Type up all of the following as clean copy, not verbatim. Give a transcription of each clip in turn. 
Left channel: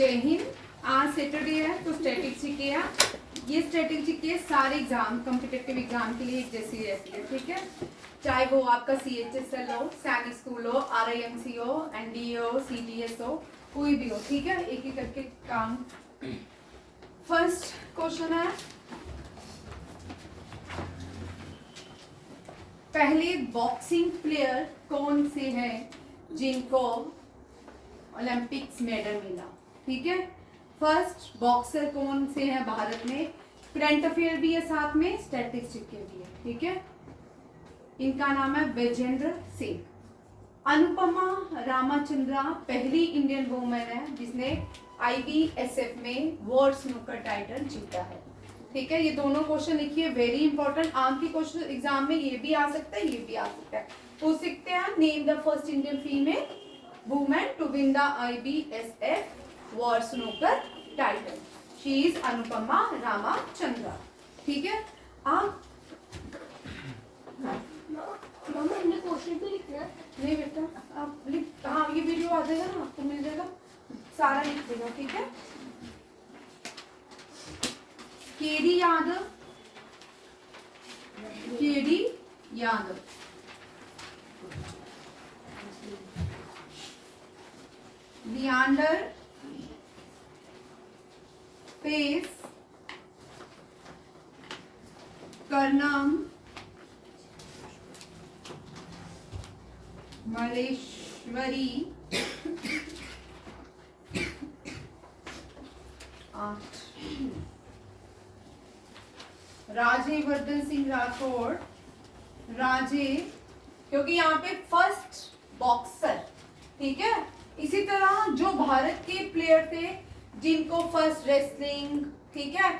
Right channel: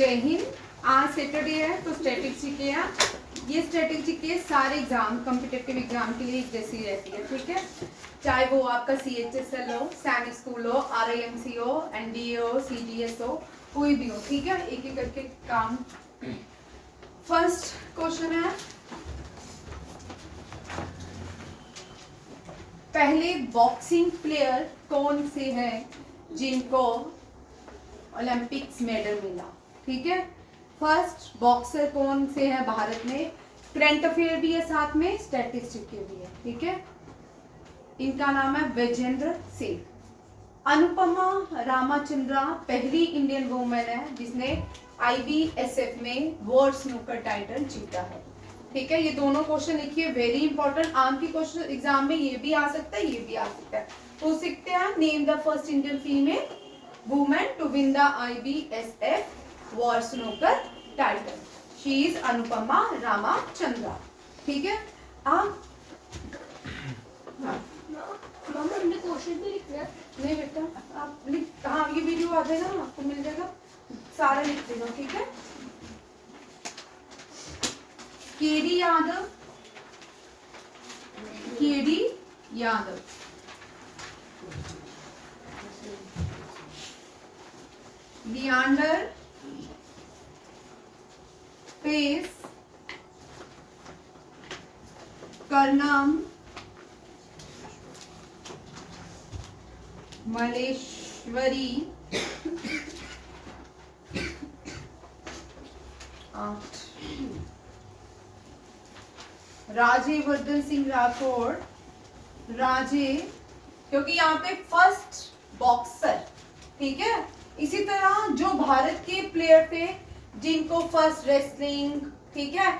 जय हिंद। आज सैटरडे है तो स्टैटिक जीके है। ये स्टैटिक जीके सारे एग्जाम कॉम्पिटिटिव एग्जाम के लिए एक जैसी रहती है, ठीक है। चाहे वो आपका CHSL हो, सैनिक स्कूल हो, RIMC हो, NDA हो, CGS हो, कोई भी हो, ठीक है। एक एक करके काम। फर्स्ट क्वेश्चन है, पहले बॉक्सिंग प्लेयर कौन से हैं जिनको ओलंपिक्स मेडल मिला, ठीक है। फर्स्ट बॉक्सर कौन से हैं भारत में, करंट अफेयर भी है साथ में, स्टैटिस्टिक्स भी है, ठीक है। इनका नाम है विजेंद्र सिंह। अनुपमा रामाचंद्रा पहली इंडियन वुमेन है जिसने IBSF में वर्ल्ड स्नूकर टाइटल जीता है, ठीक है। ये दोनों क्वेश्चन लिखिए, वेरी इंपॉर्टेंट। आम की क्वेश्चन एग्जाम में ये भी आ सकता है, ये भी आ सकता है। पूछ सकते हैं, name the first Indian female women to win the IBSF world snooker title. She is Anupama Ramachandra, ठीक है। आप हमने क्वेश्चन भी लिखना है। नहीं बेटा, आप लिख, हाँ ये वीडियो आ जाएगा ना, आपको मिल जाएगा, सारा लिख देना, ठीक है। केडी यादव, केडी यादव, लियांडर पेस, कर्नम मलेश्वरी, राजेवर्धन सिंह राठौड़, राजे, क्योंकि यहाँ पे फर्स्ट बॉक्सर, ठीक है। इसी तरह जो भारत के प्लेयर थे जिनको फर्स्ट रेसलिंग, ठीक है,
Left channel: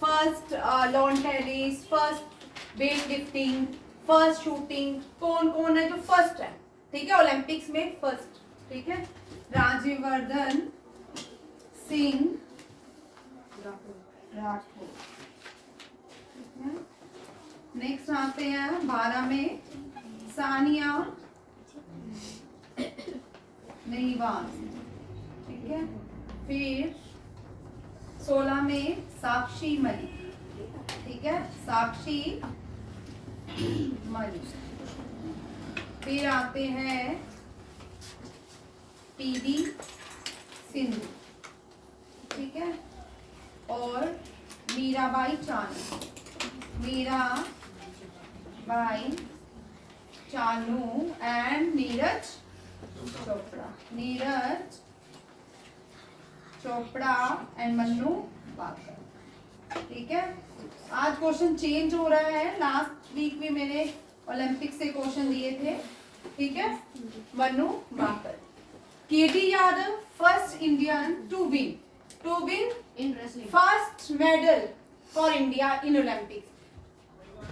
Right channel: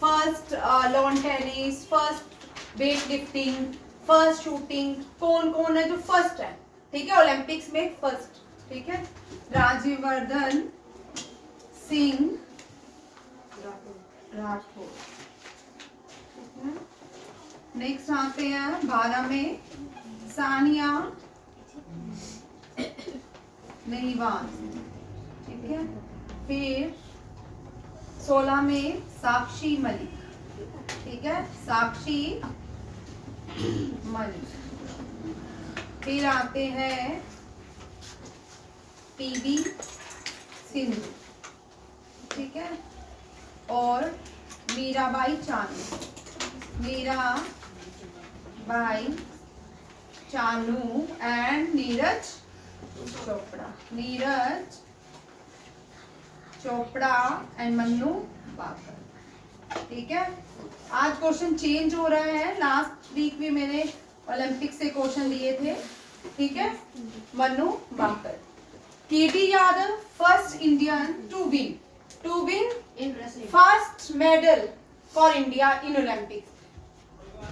first lawn tennis, first weight lifting, first shooting, कौन कौन है जो फर्स्ट है, ठीक है, ओलंपिक्स में फर्स्ट, ठीक है। राजेवर्धन सिंह राठौड़। नेक्स्ट आते हैं 12 में सानिया नेहवाल, ठीक है। फिर 16 में साक्षी मलिक, ठीक है, साक्षी मलिक। फिर आते हैं PV सिंधु, ठीक है, और मीराबाई चानू, मीराबाई चानू एंड नीरज चोपड़ा एंड मन्नू बाकर, ठीक है। आज क्वेश्चन चेंज हो रहा है, लास्ट वीक भी मैंने ओलंपिक से क्वेश्चन दिए थे, ठीक है। Manu Bhaker. KD Yadav first Indian to win in wrestling first medal for India in Olympics.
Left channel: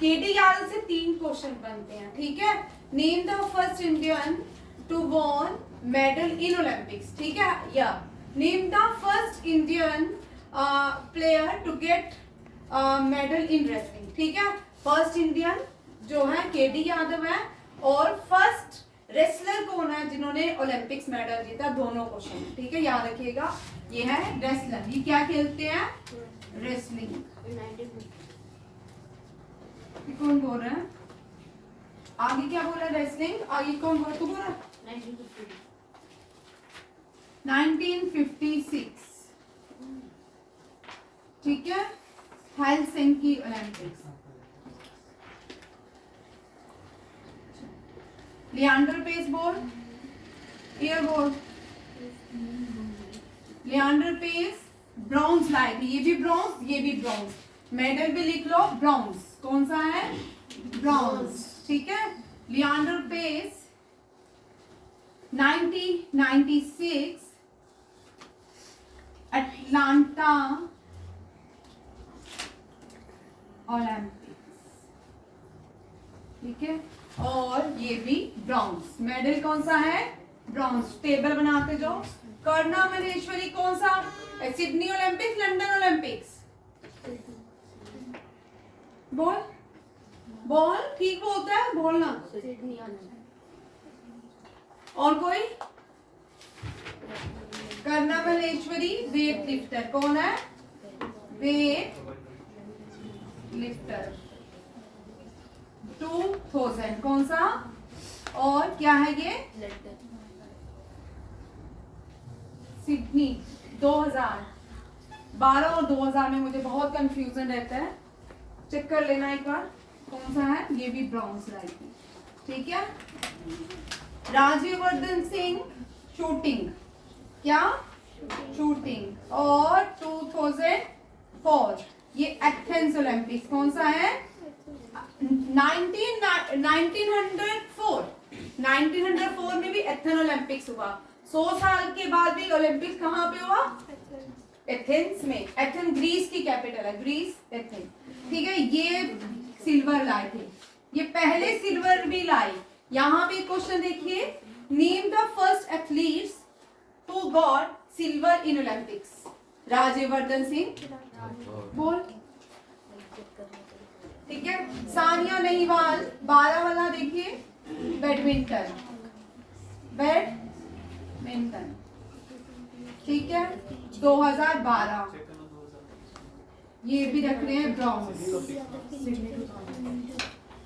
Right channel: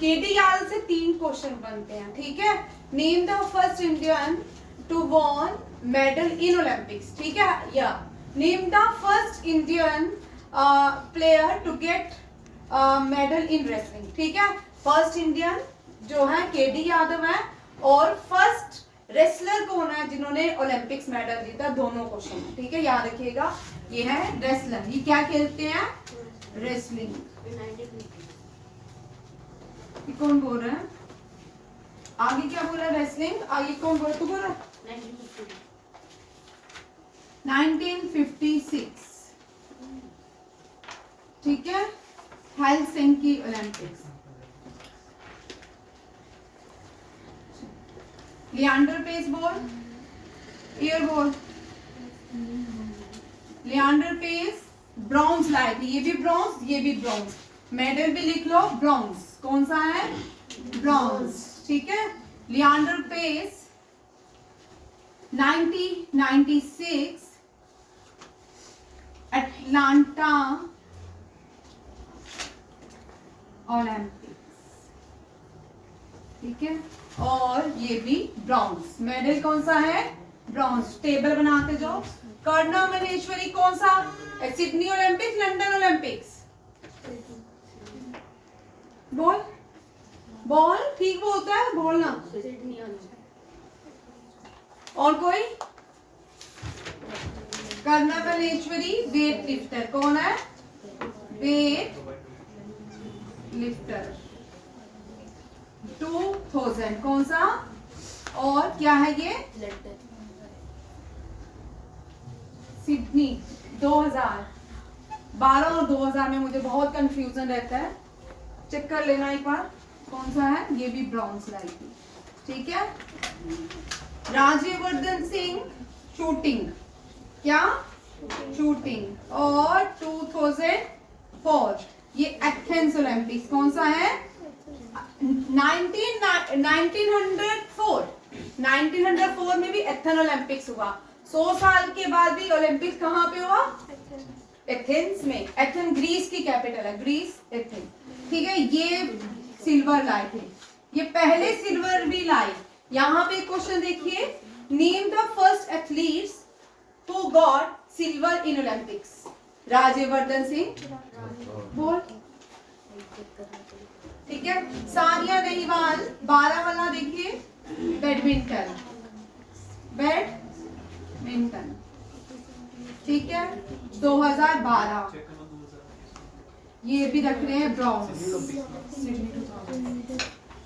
KD Yadav से 3 क्वेश्चन बनते हैं, ठीक है। Name the first Indian to won medal in Olympics, ठीक है। या name the first Indian player to get medal in wrestling, ठीक है। फर्स्ट इंडियन जो है केडी यादव है, और फर्स्ट रेसलर कौन है जिन्होंने ओलंपिक्स मेडल जीता, दोनों क्वेश्चन, ठीक है, याद रखिएगा। ये है रेसलर, ये क्या खेलते हैं, रेसलिंग। कौन बोल रहा है आगे, क्या बोल रहा है, रेसलिंग। आगे कौन बोल, तू बोल रहा है 1956, ठीक है, हेलसिंकी ओलंपिक्स। लियांडर पेस बोल, ईयर बोल, लियांडर पेस ब्रॉन्ज लाए थे, ये भी ब्रॉन्ज, ये भी ब्रॉन्ज, मेडल भी लिख लो, ब्रॉन्ज, कौन सा है, ब्रॉन्ज, ठीक है। लियांडर पेस 1996 अटलांटा ओलंपिक्स, ठीक है। और ये भी ब्रॉन्ज, मेडल कौन सा है, ब्रॉन्ज। टेबल बनाते जाओ। कर्णम मलेश्वरी कौन सा, सिडनी ओलंपिक्स, लंदन ओलंपिक्स, बोल बोल, ठीक बोलता है, बोलना। और कोई कर्णा मल्लेश्वरी वेट लिफ्टर कौन है? वेट लिफ्टर 2000 कौन सा? और क्या है ये? सिडनी 2012 और 2000 में मुझे बहुत कंफ्यूजन रहता है, चेक कर लेना एक बार कौन सा है। ये भी ब्रॉन्ज लाई थी, ठीक है। राज्यवर्धन सिंह शूटिंग, क्या? शूटिंग। और 2004 ये एथेंस ओलंपिक्स कौन सा है? 1904 में भी एथेंस ओलंपिक्स हुआ। 100 साल के बाद भी ओलंपिक्स कहाँ पे हुआ? एथेंस में। एथेंस ग्रीस की कैपिटल है, ग्रीस एथेंस, ठीक है। ये सिल्वर लाए थे, ये पहले सिल्वर भी लाए। यहाँ पे क्वेश्चन देखिए, name the first athletes who got silver in Olympics. Rajyavardhan Singh, बोल, ठीक है। सानिया नेहवाल 12 वाला देखिए, बैडमिंटन, बैडमिंटन, ठीक है, 2012। ये भी रख रहे हैं ब्रॉन्ज,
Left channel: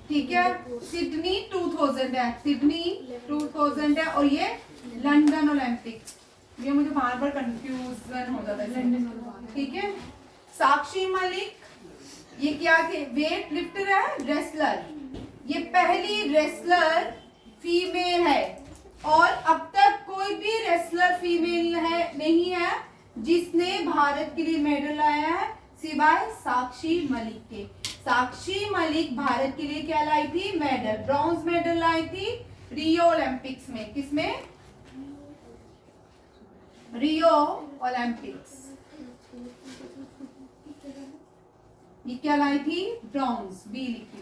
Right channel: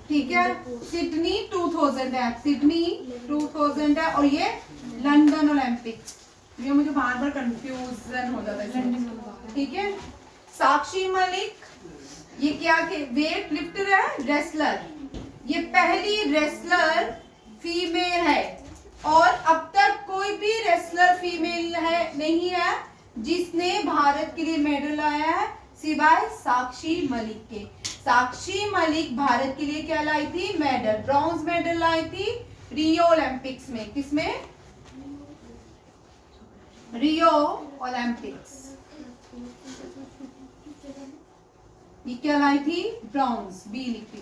ठीक है। सिडनी 2000 है, सिडनी 2000 है। और ये लंदन ओलंपिक्स, ये मुझे बार बार कंफ्यूजन हो जाता है, ठीक है। साक्षी मलिक ये क्या के वेट लिफ्टर है, रेसलर। ये पहली रेसलर फीमेल है और अब तक कोई भी रेसलर फीमेल है नहीं है जिसने भारत के लिए मेडल लाया है सिवाय साक्षी मलिक के। साक्षी मलिक भारत के लिए क्या लाई थी? मेडल, ब्रॉन्ज मेडल लाई थी रियो ओलंपिक्स में। किसमें? Rio Olympics. ये क्या लाई थी? ब्रॉन्ज, बी लिखी।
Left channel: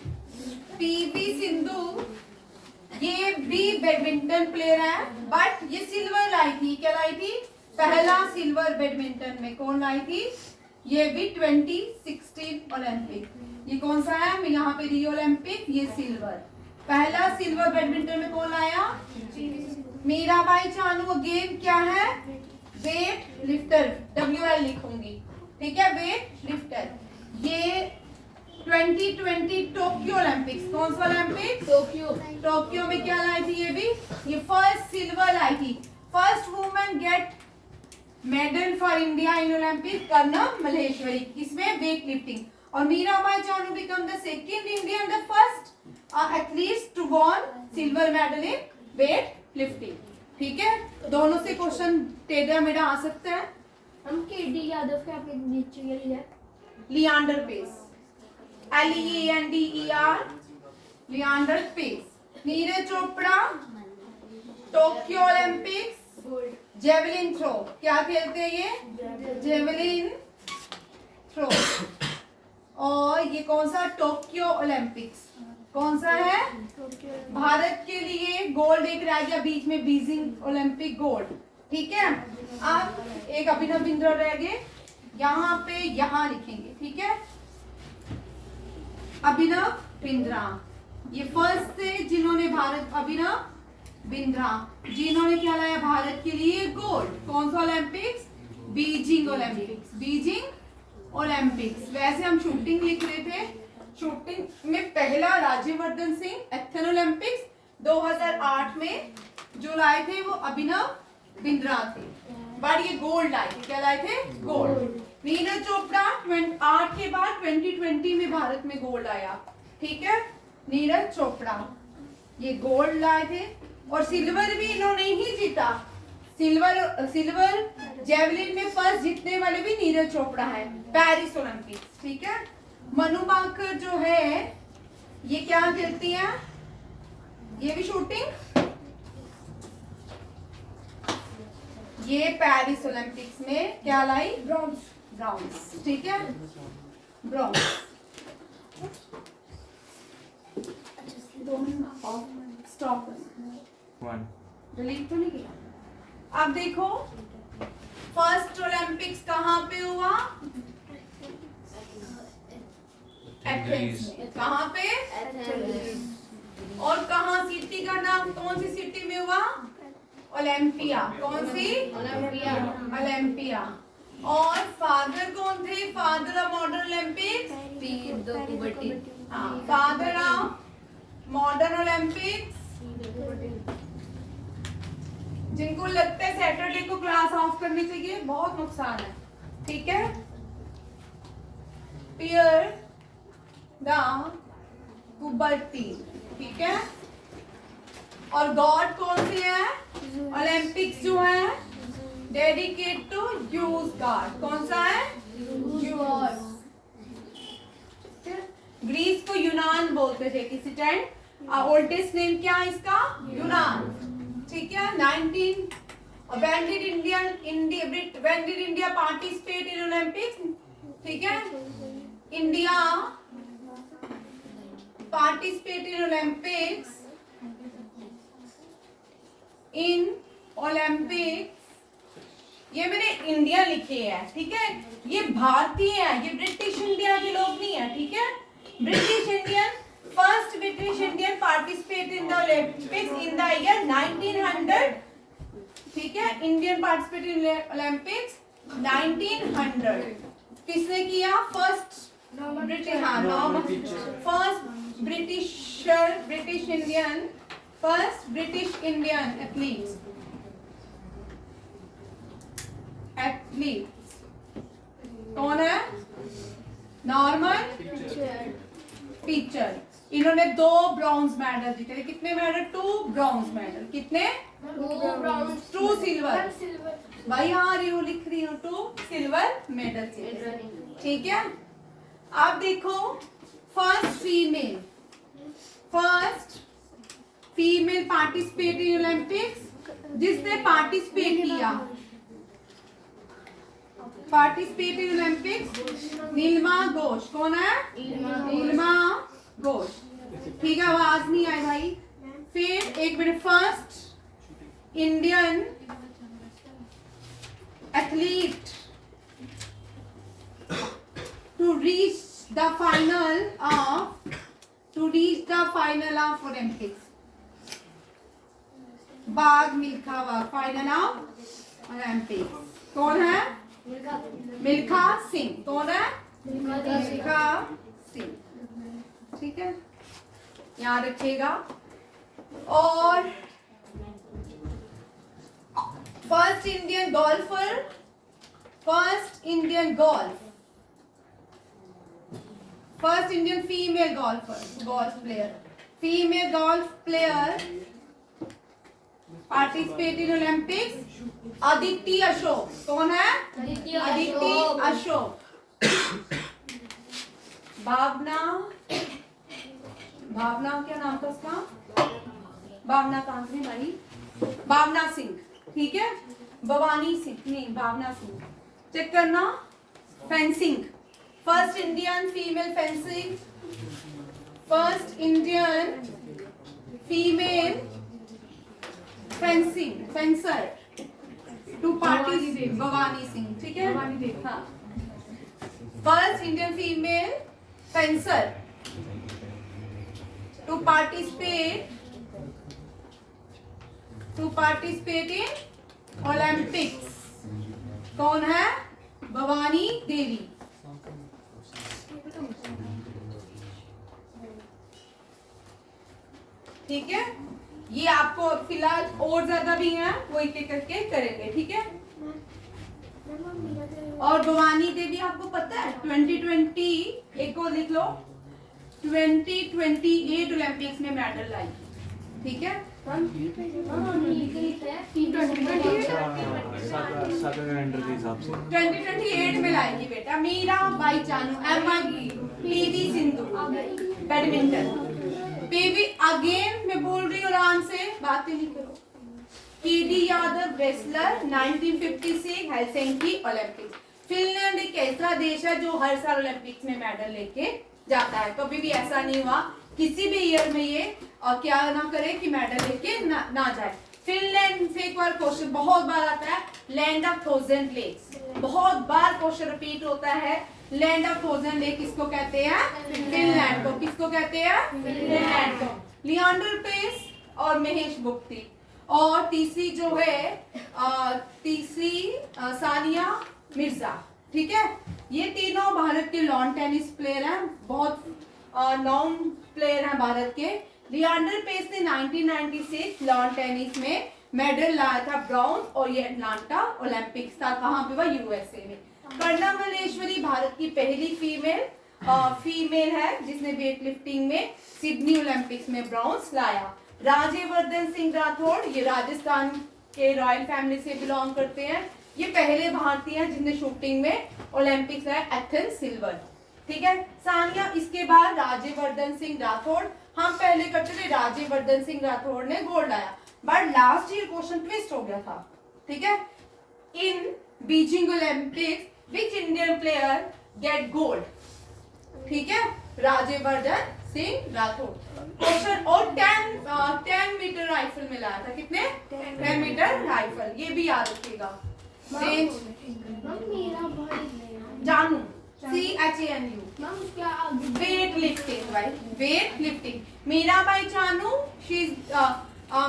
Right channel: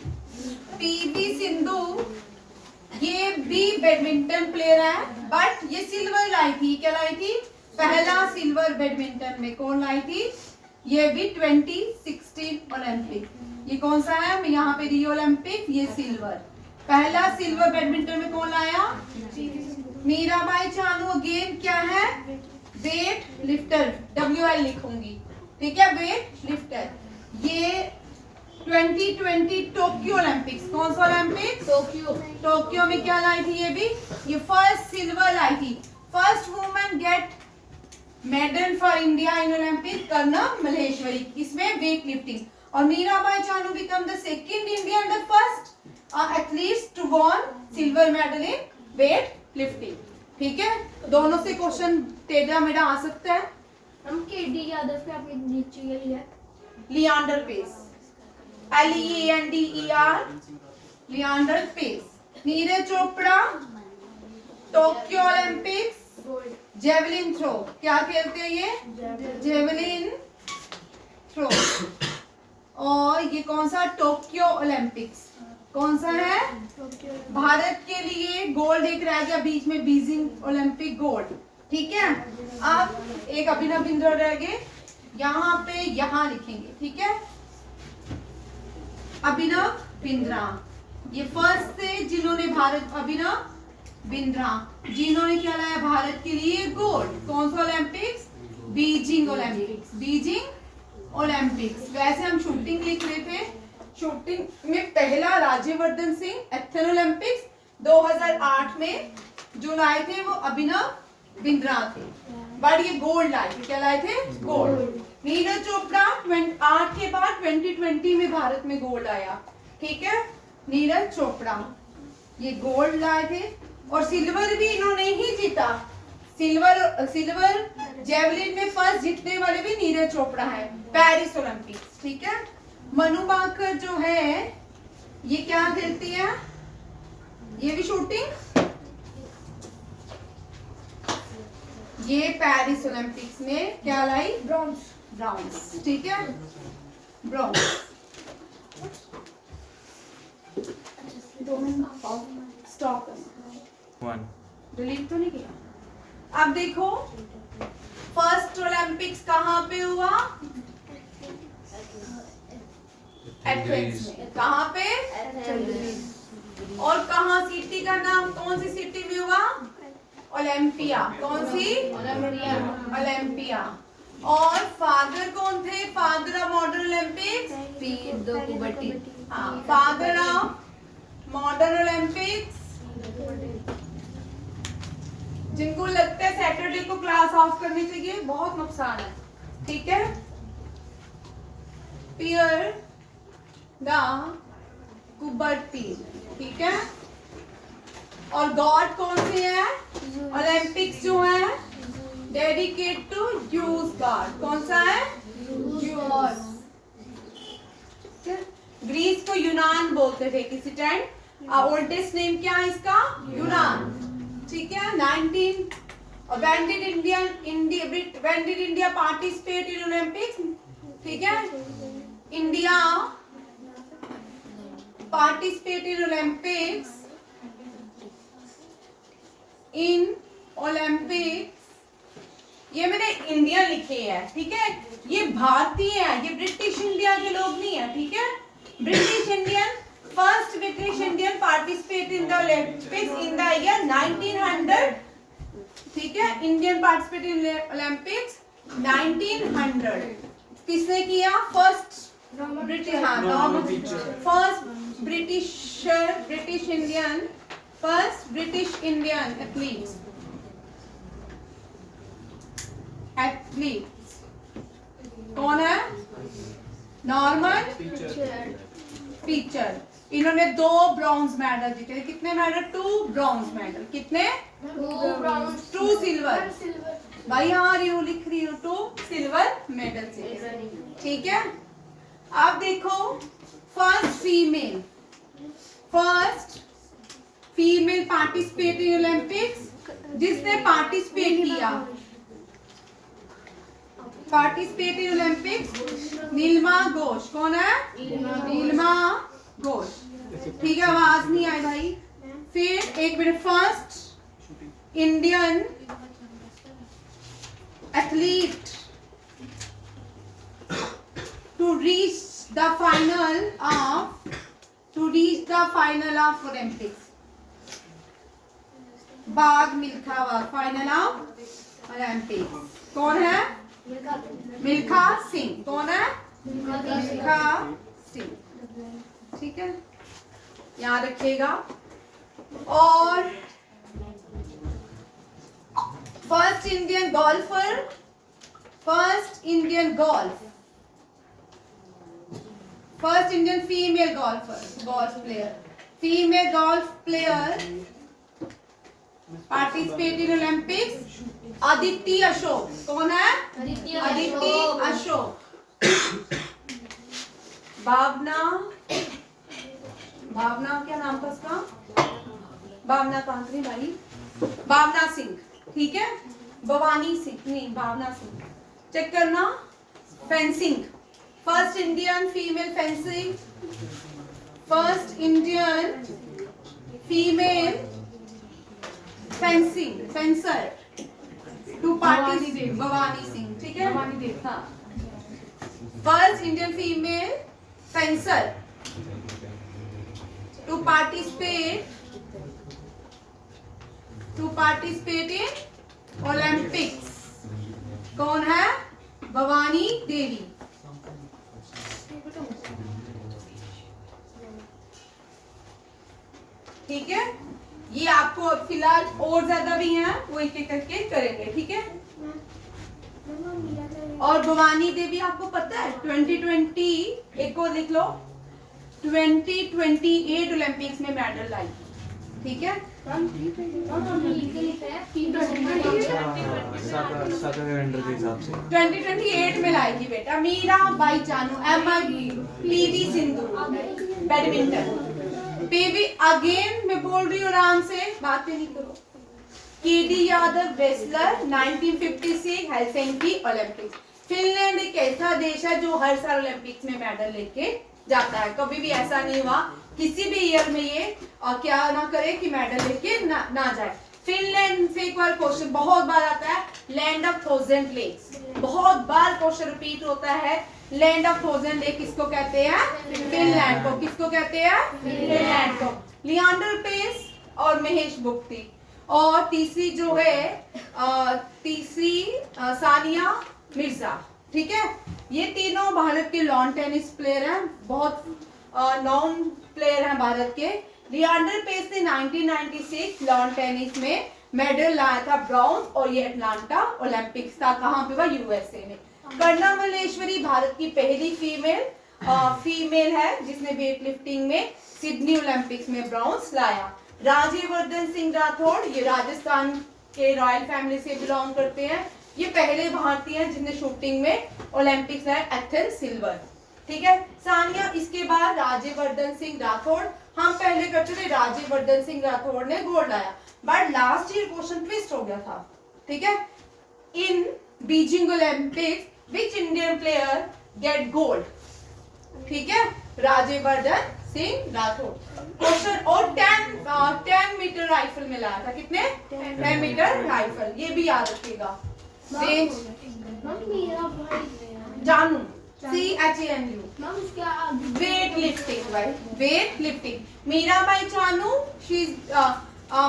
पीवी सिंधु ये भी बैडमिंटन प्लेयर है, बट ये सिल्वर लाई थी। क्या लाई थी? पहला सिल्वर बैडमिंटन में कौन लाई थी? ये भी 2016 ओलंपिक। ये कौन सा है? यहाँ पे रियो ओलंपिक, ये सिल्वर। पहला सिल्वर बैडमिंटन में कौन लाया? मीराबाई चानू। गेम क्या है? वेट लिफ्टर, WL लिखूंगी, ठीक है, वेट लिफ्टर। ये 2020 टोक्यो ओलंपिक्स, कौन सा ओलंपिक? टोक्यो में क्या लाई थी? ये भी, ये फर्स्ट सिल्वर लाई थी। First women get medal for India in Olympic, Karnam Malleswari, इसमें वेट लिफ्टिंग। और Mirabai Chanu become the second Indian, the first athlete to won silver medal in weight lifting, ठीक है। दोनों से क्वेश्चन टेढ़ा मेढ़ा आ सकता है। हम केडी यादव के आपके नीचे के लिए Leander Paes, LEANDER, Leander Paes. Neeraj Chopra Tokyo Olympics javelin throw, क्या खेलते हैं ये? Javelin throw. और ये कौन सा? टोक्यो ओलंपिक्स, कौन सा है? भारत के लिए गोल्ड एक रह गया बीच में, बीजिंग ओलंपिक गोल्ड, ठीक है। अब एक अभिनव बिंद्रा रह गए, यहाँ पे यहाँ लिखेंगे, ठीक है। अभिनव बिंद्रा ये फर्स्ट थे जिन्होंने भारत, अभिनव बिंद्रा जिन्होंने क्या लाया भारत के लिए? गोल्ड। कौन सा Olympics? Beijing Olympics, Beijing Olympics. वैसे हम शूटिंग लिख रहे थे, शूटिंग में पहला राज्यवर्धन सिंह एथेंस ओलंपिक्स 2008 में जो लाए थे वो अभिनव बिंद्रा थे, बट ये गोल्ड लाए थे। क्या लाए थे? गोल्ड। नीरज चोपड़ा 8 के बाद 2020 में भारत में गोल्ड आया, ठीक है। नीरज चोपड़ा ये गोल्ड लाए थे और सिल्वर भी इन्होंने ही जीता। सिल्वर जेवलिन में फर्स्ट जीतने वाले भी नीरज चोपड़ा है, पेरिस ओलंपिक्स, ठीक है। मनु भाकर जो है ये क्या खेलती है? ये भी शूटिंग, ये पेरिस ओलंपिक्स में क्या लाई? ब्रॉन्ज, ब्रॉन्ज, ठीक है, ब्रॉन्ज। स्टॉप डिलीट तो नहीं किया। अब देखो फर्स्ट ओलंपिक्स कहाँ पे हुआ? एथेंस में। कहाँ पे? और कहाँ सिटी का नाम, कौन सी सिटी में हुआ? ओलंपिया। कौन सी? ओलंपिया। और फादर कौन थे? Father of modern Olympics, father of modern Olympics. जिनको लगता है सैटरडे को क्लास ऑफ करनी चाहिए, बहुत नुकसान है, ठीक है। पियर द कुबर्टीन, ठीक है। और गॉड कौन से है? ओलंपिक्स जो है डेडिकेट टू यूज गॉड, कौन सा है? यूज। ग्रीस को यूनान बोलते थे किसी टाइम। ओल्डेस्ट नेम क्या है इसका? यूनान, ठीक है। 19 when did India participate in Olympics? ठीक है, इंडिया पार्टिसिपेट इन ओलंपिक्स ये मैंने इंडिया लिखे हैं, ठीक है। ये भारतीय है, ये ब्रिटिश इंडिया के लोग नहीं है, ठीक है। British Indian, first British Indian participate in the Olympics in the year 1900, ठीक है। Indian participate in Olympics 1900। किसने किया? First British, first British Indian athletes कौन है? Norman Pritchard. इन्होंने 2 ब्रॉन्ज मेडल जीते। कितने मेडल? 2 bronze medal. कितने? 2 सिल्वर। भाई हाँ लिख रही हूँ, 2 सिल्वर मेडल जीते, ठीक है। आप देखो, first female participate in Olympics, जिसने पार्टिसिपेट किया इन ओलंपिक्स, नीलिमा घोष। कौन है? नीलिमा घोष, ठीक है। आवाज नहीं आई भाई। फिर एक minute, first Indian athlete to reach the final of Olympics, Bagh Milkha Bagh, final of Olympics. कौन है? मिल्खा सिंह। कौन है? मिल्खा सिंह, ठीक है, याद रखिएगा। और first Indian female golf player participate in Olympics, Aditi Ashok. कौन है? अदिति अशोक। भावना क्या नाम था उसका? भावना कहाँ थी भाई? भावना सिंह, ठीक है। भवानी सिंह नहीं, भावना सिंह। चेक करना। Fencing, first Indian female fencing, first Indian female fencer to participate, Bhavani Singh, ठीक है। हाँ, first Indian female fencer to participate in Olympics. कौन है? भवानी देवी। ठीक है, ये आपको अब फिलहाल और ज्यादा भी हैं, वो एक एक करके करेंगे, ठीक है। और भवानी देवी आपको पता है 2020, एक को लिख लो, 2028 ओलंपिक्स में मेडल लाई, ठीक है। 2028 में लाएगी बेटा। Mirabai Chanu, P V Sindhu badminton, P V again मैं बोल रही हूँ, आराम से बातें नहीं करो। K D Yadav wrestler 1956 Helsinki Olympics. Finland एक ऐसा देश है जो हर साल ओलंपिक्स में मेडल लेके जाता है। कभी भी ऐसा नहीं हुआ किसी भी ईयर में ये क्या ना करे कि मेडल लेके ना जाए। फिनलैंड से एक बार क्वेश्चन बहुत बार आता है, लैंड ऑफ 1000 लेक्स, बहुत बार क्वेश्चन रिपीट होता है। लैंड ऑफ 1000 लेक किसको कहते हैं? फिनलैंड को। किसको कहते हैं? फिनलैंड को। लियांडर पेस और महेश भूपति। और तीसरी जो है सानिया मिर्जा। ठीक है, ये तीनों भारत के लॉन टेनिस प्लेयर हैं, बहुत नॉन प्लेयर हैं भारत के। लिएंडर पेस ने 1996 लॉन टेनिस में मेडल लाया था ब्रॉन्ज, और ये अटलांटा ओलंपिक्स था, कहाँ पे हुआ, यूएसए में। कर्णा मल्लेश्वरी भारत की पहली फीमेल है जिसने वेट लिफ्टिंग में सिडनी ओलंपिक्स में ब्रॉन्ज लाया। राज्यवर्धन सिंह राठौड़, ये राजस्थान के रॉयल फैमिली से बिलोंग करते हैं, ये पहले भारतीय हैं जिन्हें शूटिंग में ओलंपिक्स लाया, एथेंस सिल्वर। ठीक है, सानिया, इसके बाद राज्यवर्धन सिंह राठौड़, हम पहले करते थे, राज्यवर्धन सिंह राठौड़ ने गोल्ड लाया, but last year question twist हो गया था। ठीक है, in Beijing Olympics which Indian player get gold? ठीक है, राज्यवर्धन सिंह राठौड़ क्वेश्चन। और 10 मीटर राइफल में लाया था, कितने? 10 मीटर राइफल, ये भी याद रखिएगा। रेंज मेरा भाई जानू, CHANU, वेट लिफ्टिंग, भाई weight lifting. Mirabai Chanu, she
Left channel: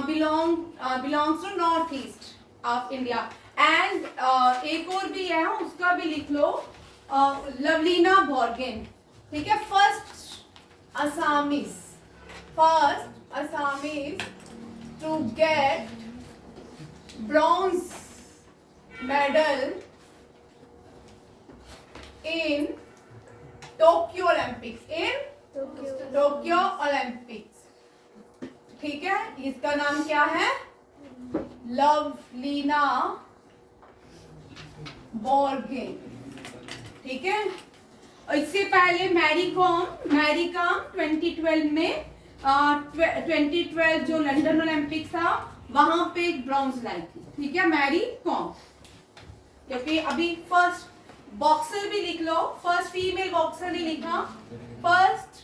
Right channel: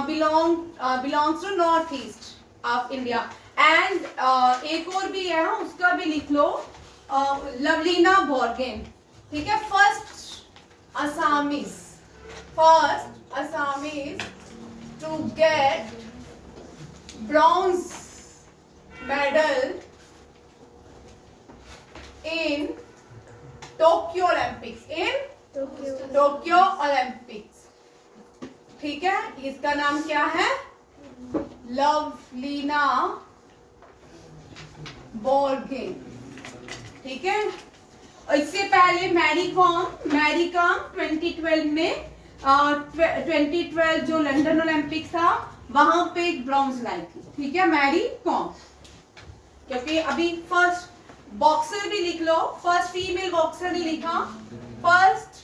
belongs to North East of India. And एक और भी है, उसका भी लिख लो, लवलीना बोर्गेन। ठीक है, first Assamese to get bronze medal in Tokyo Olympics. ठीक है, इसका नाम क्या है? लवलीना बोर्गेन। ठीक है, इससे पहले मैरी कॉम 2012 में 2012 जो लंदन ओलंपिक्स था वहां पे एक ब्रॉन्ज लाई थी। ठीक है, मैरी कॉम। क्योंकि अभी फर्स्ट बॉक्सर भी लिख लो, फर्स्ट फीमेल बॉक्सर नहीं लिखा, फर्स्ट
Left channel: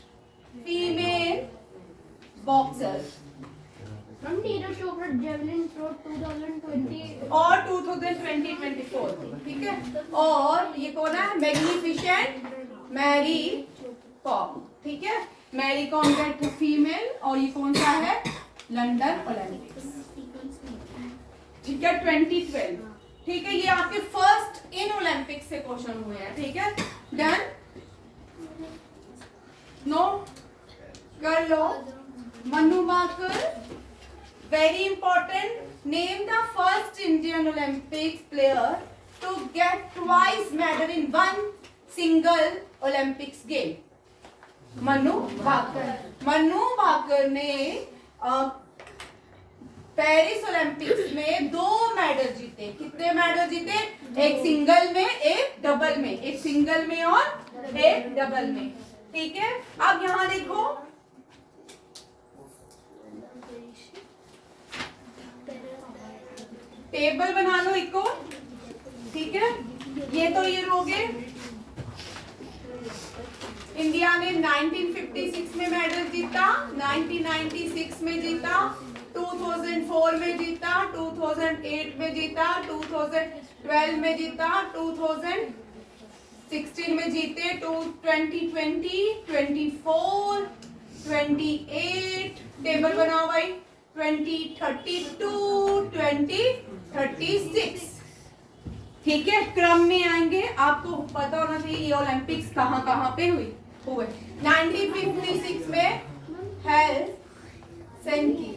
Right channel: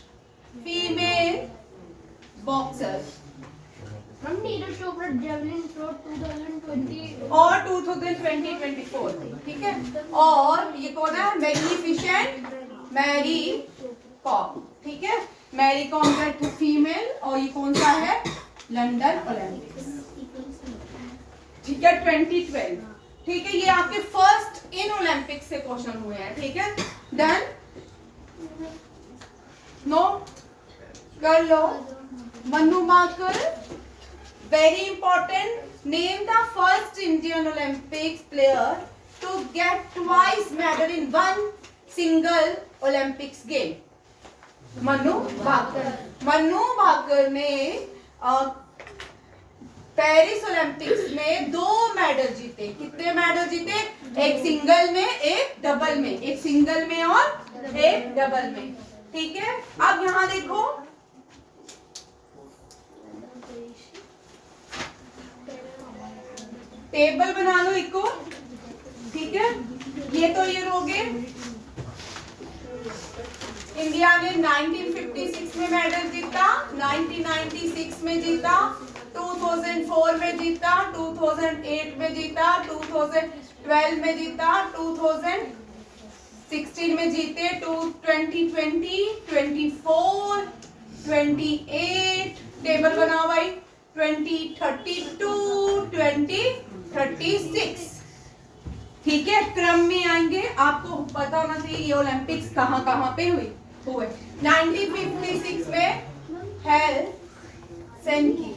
फीमेल बॉक्सर। हम नीरज चोपड़ा जेवलिन थ्रो 2020 और 2024। ठीक है, और ये कौन है? मैग्निफिसेंट मैरी कॉम। ठीक है, Mary Kom get to female, और ये कौन सा है? London Olympics. ठीक है, 2012। ठीक है, ये आपके फर्स्ट इन ओलंपिक्स से क्वेश्चन हुए हैं। ठीक है, डन, नो कर लो। Manu Bhaker, very important, name the first Indian Olympics player to get twice medal in one single Olympics game. Manu Bhaker ने पेरिस ओलंपिक्स में 2 मेडल जीते। कितने मेडल जीते? एक सिंगल में, एक डबल में, एक सिंगल में और एक डबल में। ठीक है, अब यहां देखो, टेबल बना लो एक को। ठीक है, ये तो ये हो गए। इंडिया ने 1956 में मेडल जीता, 1996 में जीता, 2004 में जीता, 2008 में जीता, 2012 में जीता, 2016 में जीते, 2020, 24, 28, टेबल बनाओ भाई, 2032, 2036। ठीक है, क्रम में आएंगे, आपको पता होना चाहिए ये ओलंपिक्स कहाँ पे हुए। 1956 में हेलसिंकी,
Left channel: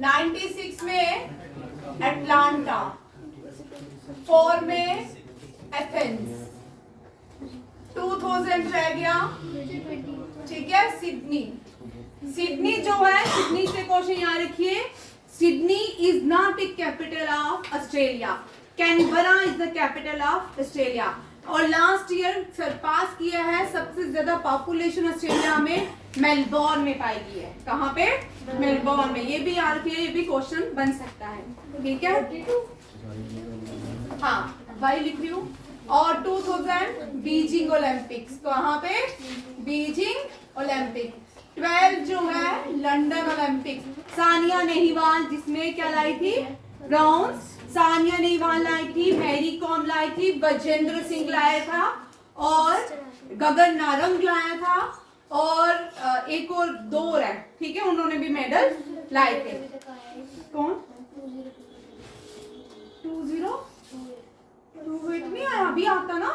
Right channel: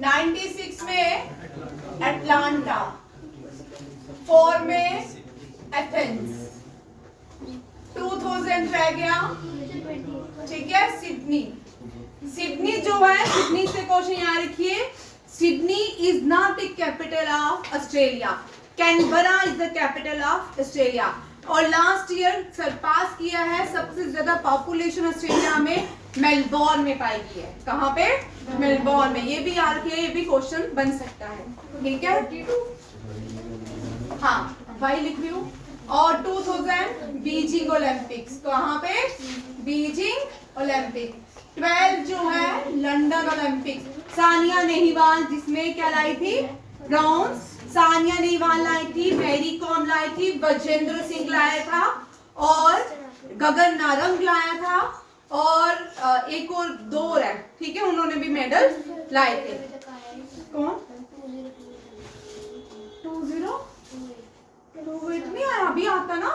96 में अटलांटा, 4 में एथेंस, 2000 रह गया। ठीक है, सिडनी जो है, सिडनी से क्वेश्चन याद रखिए, Sydney is not the capital of Australia, Canberra is the capital of Australia. और लास्ट ईयर सरपास किया है, सबसे ज्यादा पॉपुलेशन ऑस्ट्रेलिया में मेलबोर्न में पाई गई है। कहाँ पे? मेलबोर्न में। ये भी याद रखिए, ये भी क्वेश्चन बन सकता है। ठीक है, हाँ भाई लिख रही हूँ। और 2000 बीजिंग ओलंपिक्स, कहाँ पे? Beijing Olympics. 12 जो है लंदन ओलंपिक्स, सानिया नेहवाल जिसमें क्या लाई थी? ब्रॉन्ज। सानिया नेहवाल लाई थी, मैरी कॉम लाई थी, बजेंद्र सिंह लाया था, और गगन नारंग लाया था, और एक और 2 है। ठीक है, उन्होंने भी मेडल लाए थे। कौन? 2028 नहीं आया, अभी आता ना।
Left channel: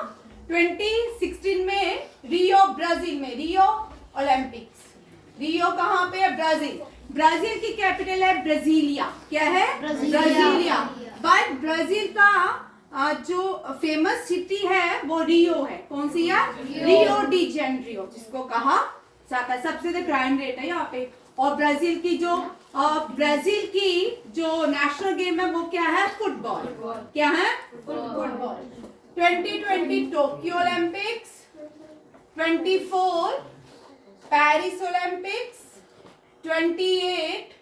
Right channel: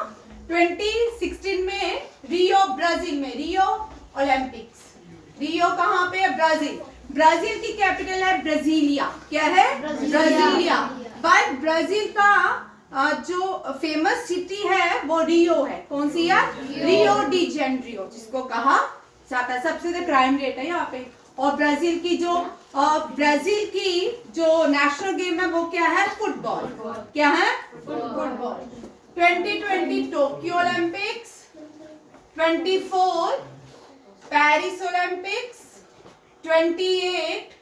2016 में रियो, ब्राजील में रियो ओलंपिक्स। रियो कहाँ पे है? ब्राजील। ब्राजील की कैपिटल है ब्राजीलिया। क्या है? ब्राजीलिया। बट ब्राजील का जो फेमस सिटी है वो रियो है। कौन सी है? रियो डी जेनेरियो, जिसको कहा जाता है। सबसे क्राइम रेट है यहाँ पे। और ब्राजील की जो नेशनल गेम है वो क्या है? फुटबॉल। क्या है? Football. 2020 Tokyo Olympics, 24 Paris Olympics, 28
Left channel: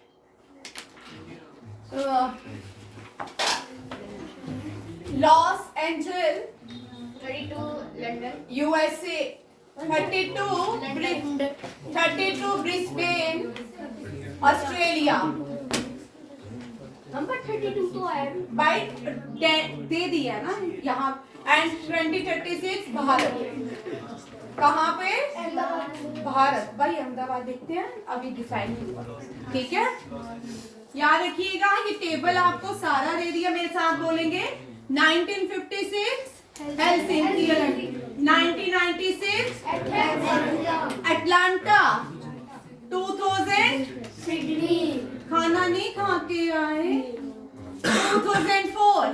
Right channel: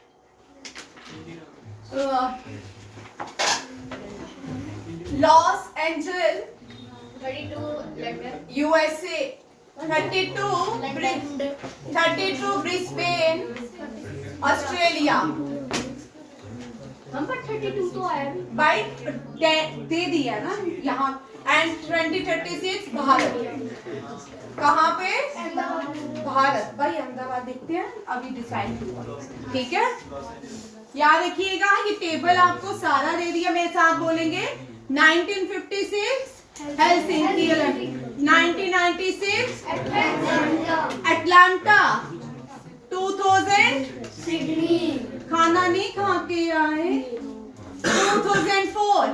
loss angel 32 London, USA, 32 Brisbane Australia. हम पर 32 तो आया। बाइट दे दिया ना यहाँ। एंड 2036 भारत। कहाँ पे? भारत। भाई अहमदाबाद देखते हैं, अभी डिसाइड हुआ। ठीक है, याद रखिएगा ये टेबल आपको सारा दे दिया। मेरे साथ बोलेंगे 1956 हेलसिंकी ओलंपिक, 1996 अटलांटा, 2000 सिडनी, खाना नहीं खा के आए, 2004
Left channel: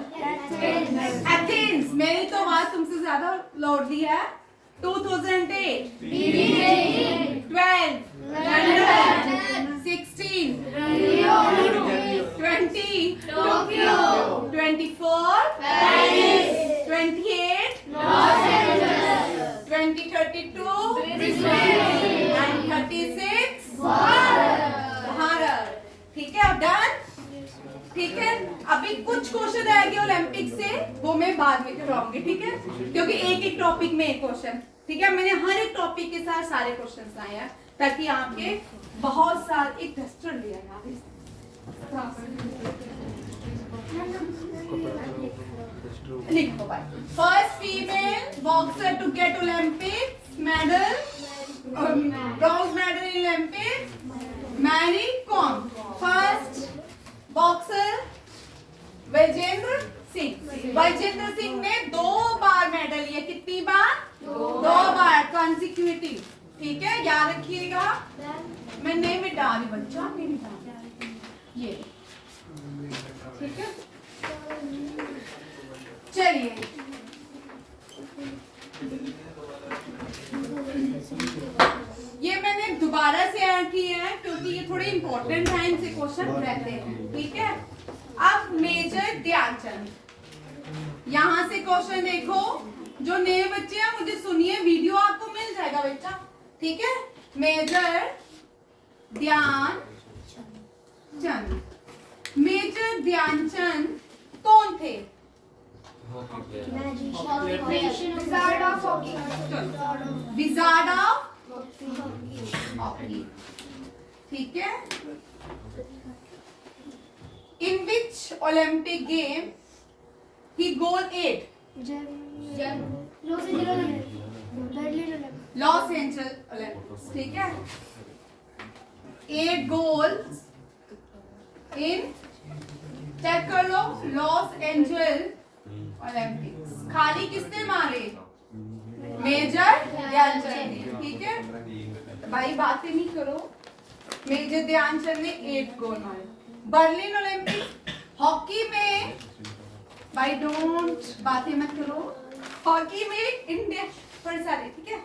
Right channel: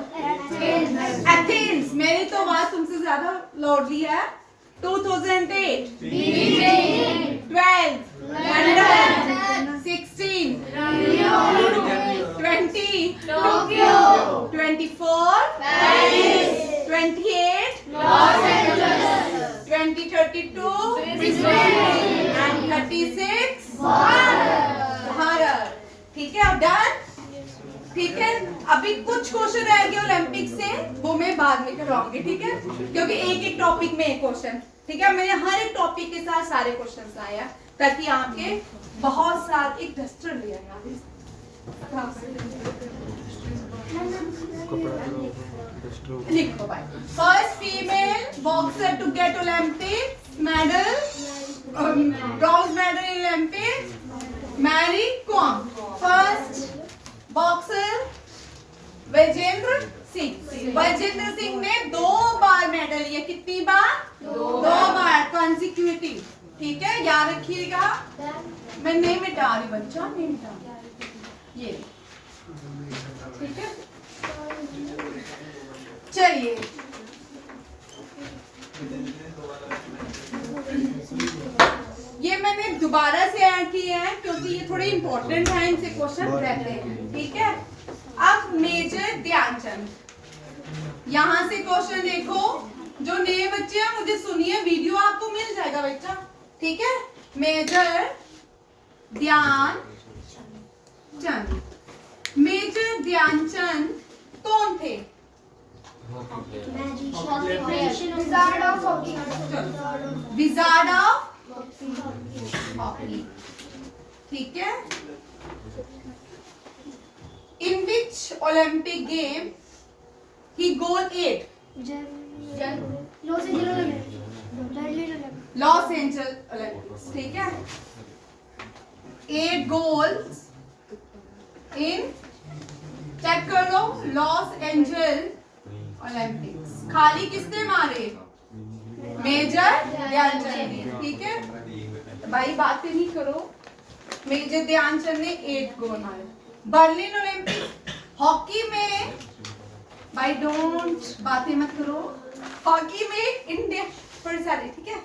एथेंस। मेरी तो आवाज तुमसे ज्यादा लौटती है। 2008 12 London, 16 20 Tokyo, 24 Paris, 28 Los Angeles, 2032 Brisbane and 36 Bharat. Bharat. ठीक है, अब डन। ठीक है, अभी कुछ क्वेश्चन रह गए ओलंपिक से, वो मैं बाद में करवाऊंगी। ठीक है, क्योंकि एक एक टॉपिक में एक क्वेश्चन। ठीक है, मैंने हर एक टॉपिक के साथ सारे क्वेश्चन लाए हैं ताकि आपके बहुत सारे। एक डस्टर लिया यार। लिखो भाई। First female boxer to get Olympic medal, bronze medal in Olympic, Mary Kom. First boxer Vijender Singh. Vijender Singh ने 2 बार मेडल लिया। कितनी बार? 2 बार कंसेक्यूटिव। ठीक है, याद रखिएगा। मैं नहीं मिटा रही बच्चा, नहीं मिटा ये। ठीक है, चलिए ये मैंने दोबारा से ऐड किए हैं क्योंकि ये थोड़े इंपॉर्टेंट हैं, इनसे क्वेश्चन रहते हैं। ठीक है, अब मेजर ध्यानचंद, यहाँ से क्वेश्चन देखो। जो नए बच्चे हैं मुझे सुनिए, वीडियो आपको मिल जाएगा बच्चा। ठीक है, मेजर ध्यानचंद। मेजर ध्यानचंद कौन थे? Wizard of hockey, wizard of hockey. ठीक है, इन विच ओलंपिक गेम ही गोल 8? Loss angel Olympics. ठीक है, 8 गोल्स इन, चेक कर लो, लॉस एंजल ओलंपिक्स। खाली किसने मारे? मेजर ध्यानचंद ने। ठीक है, भाई बातें नहीं करो। मेजर ध्यानचंद ने 8 गोल मारे। बर्लिन ओलंपिक्स हॉकी में, भाई डोंट बातें मत करो। हॉकी में इंडिया थोड़ी सारी, ठीक है,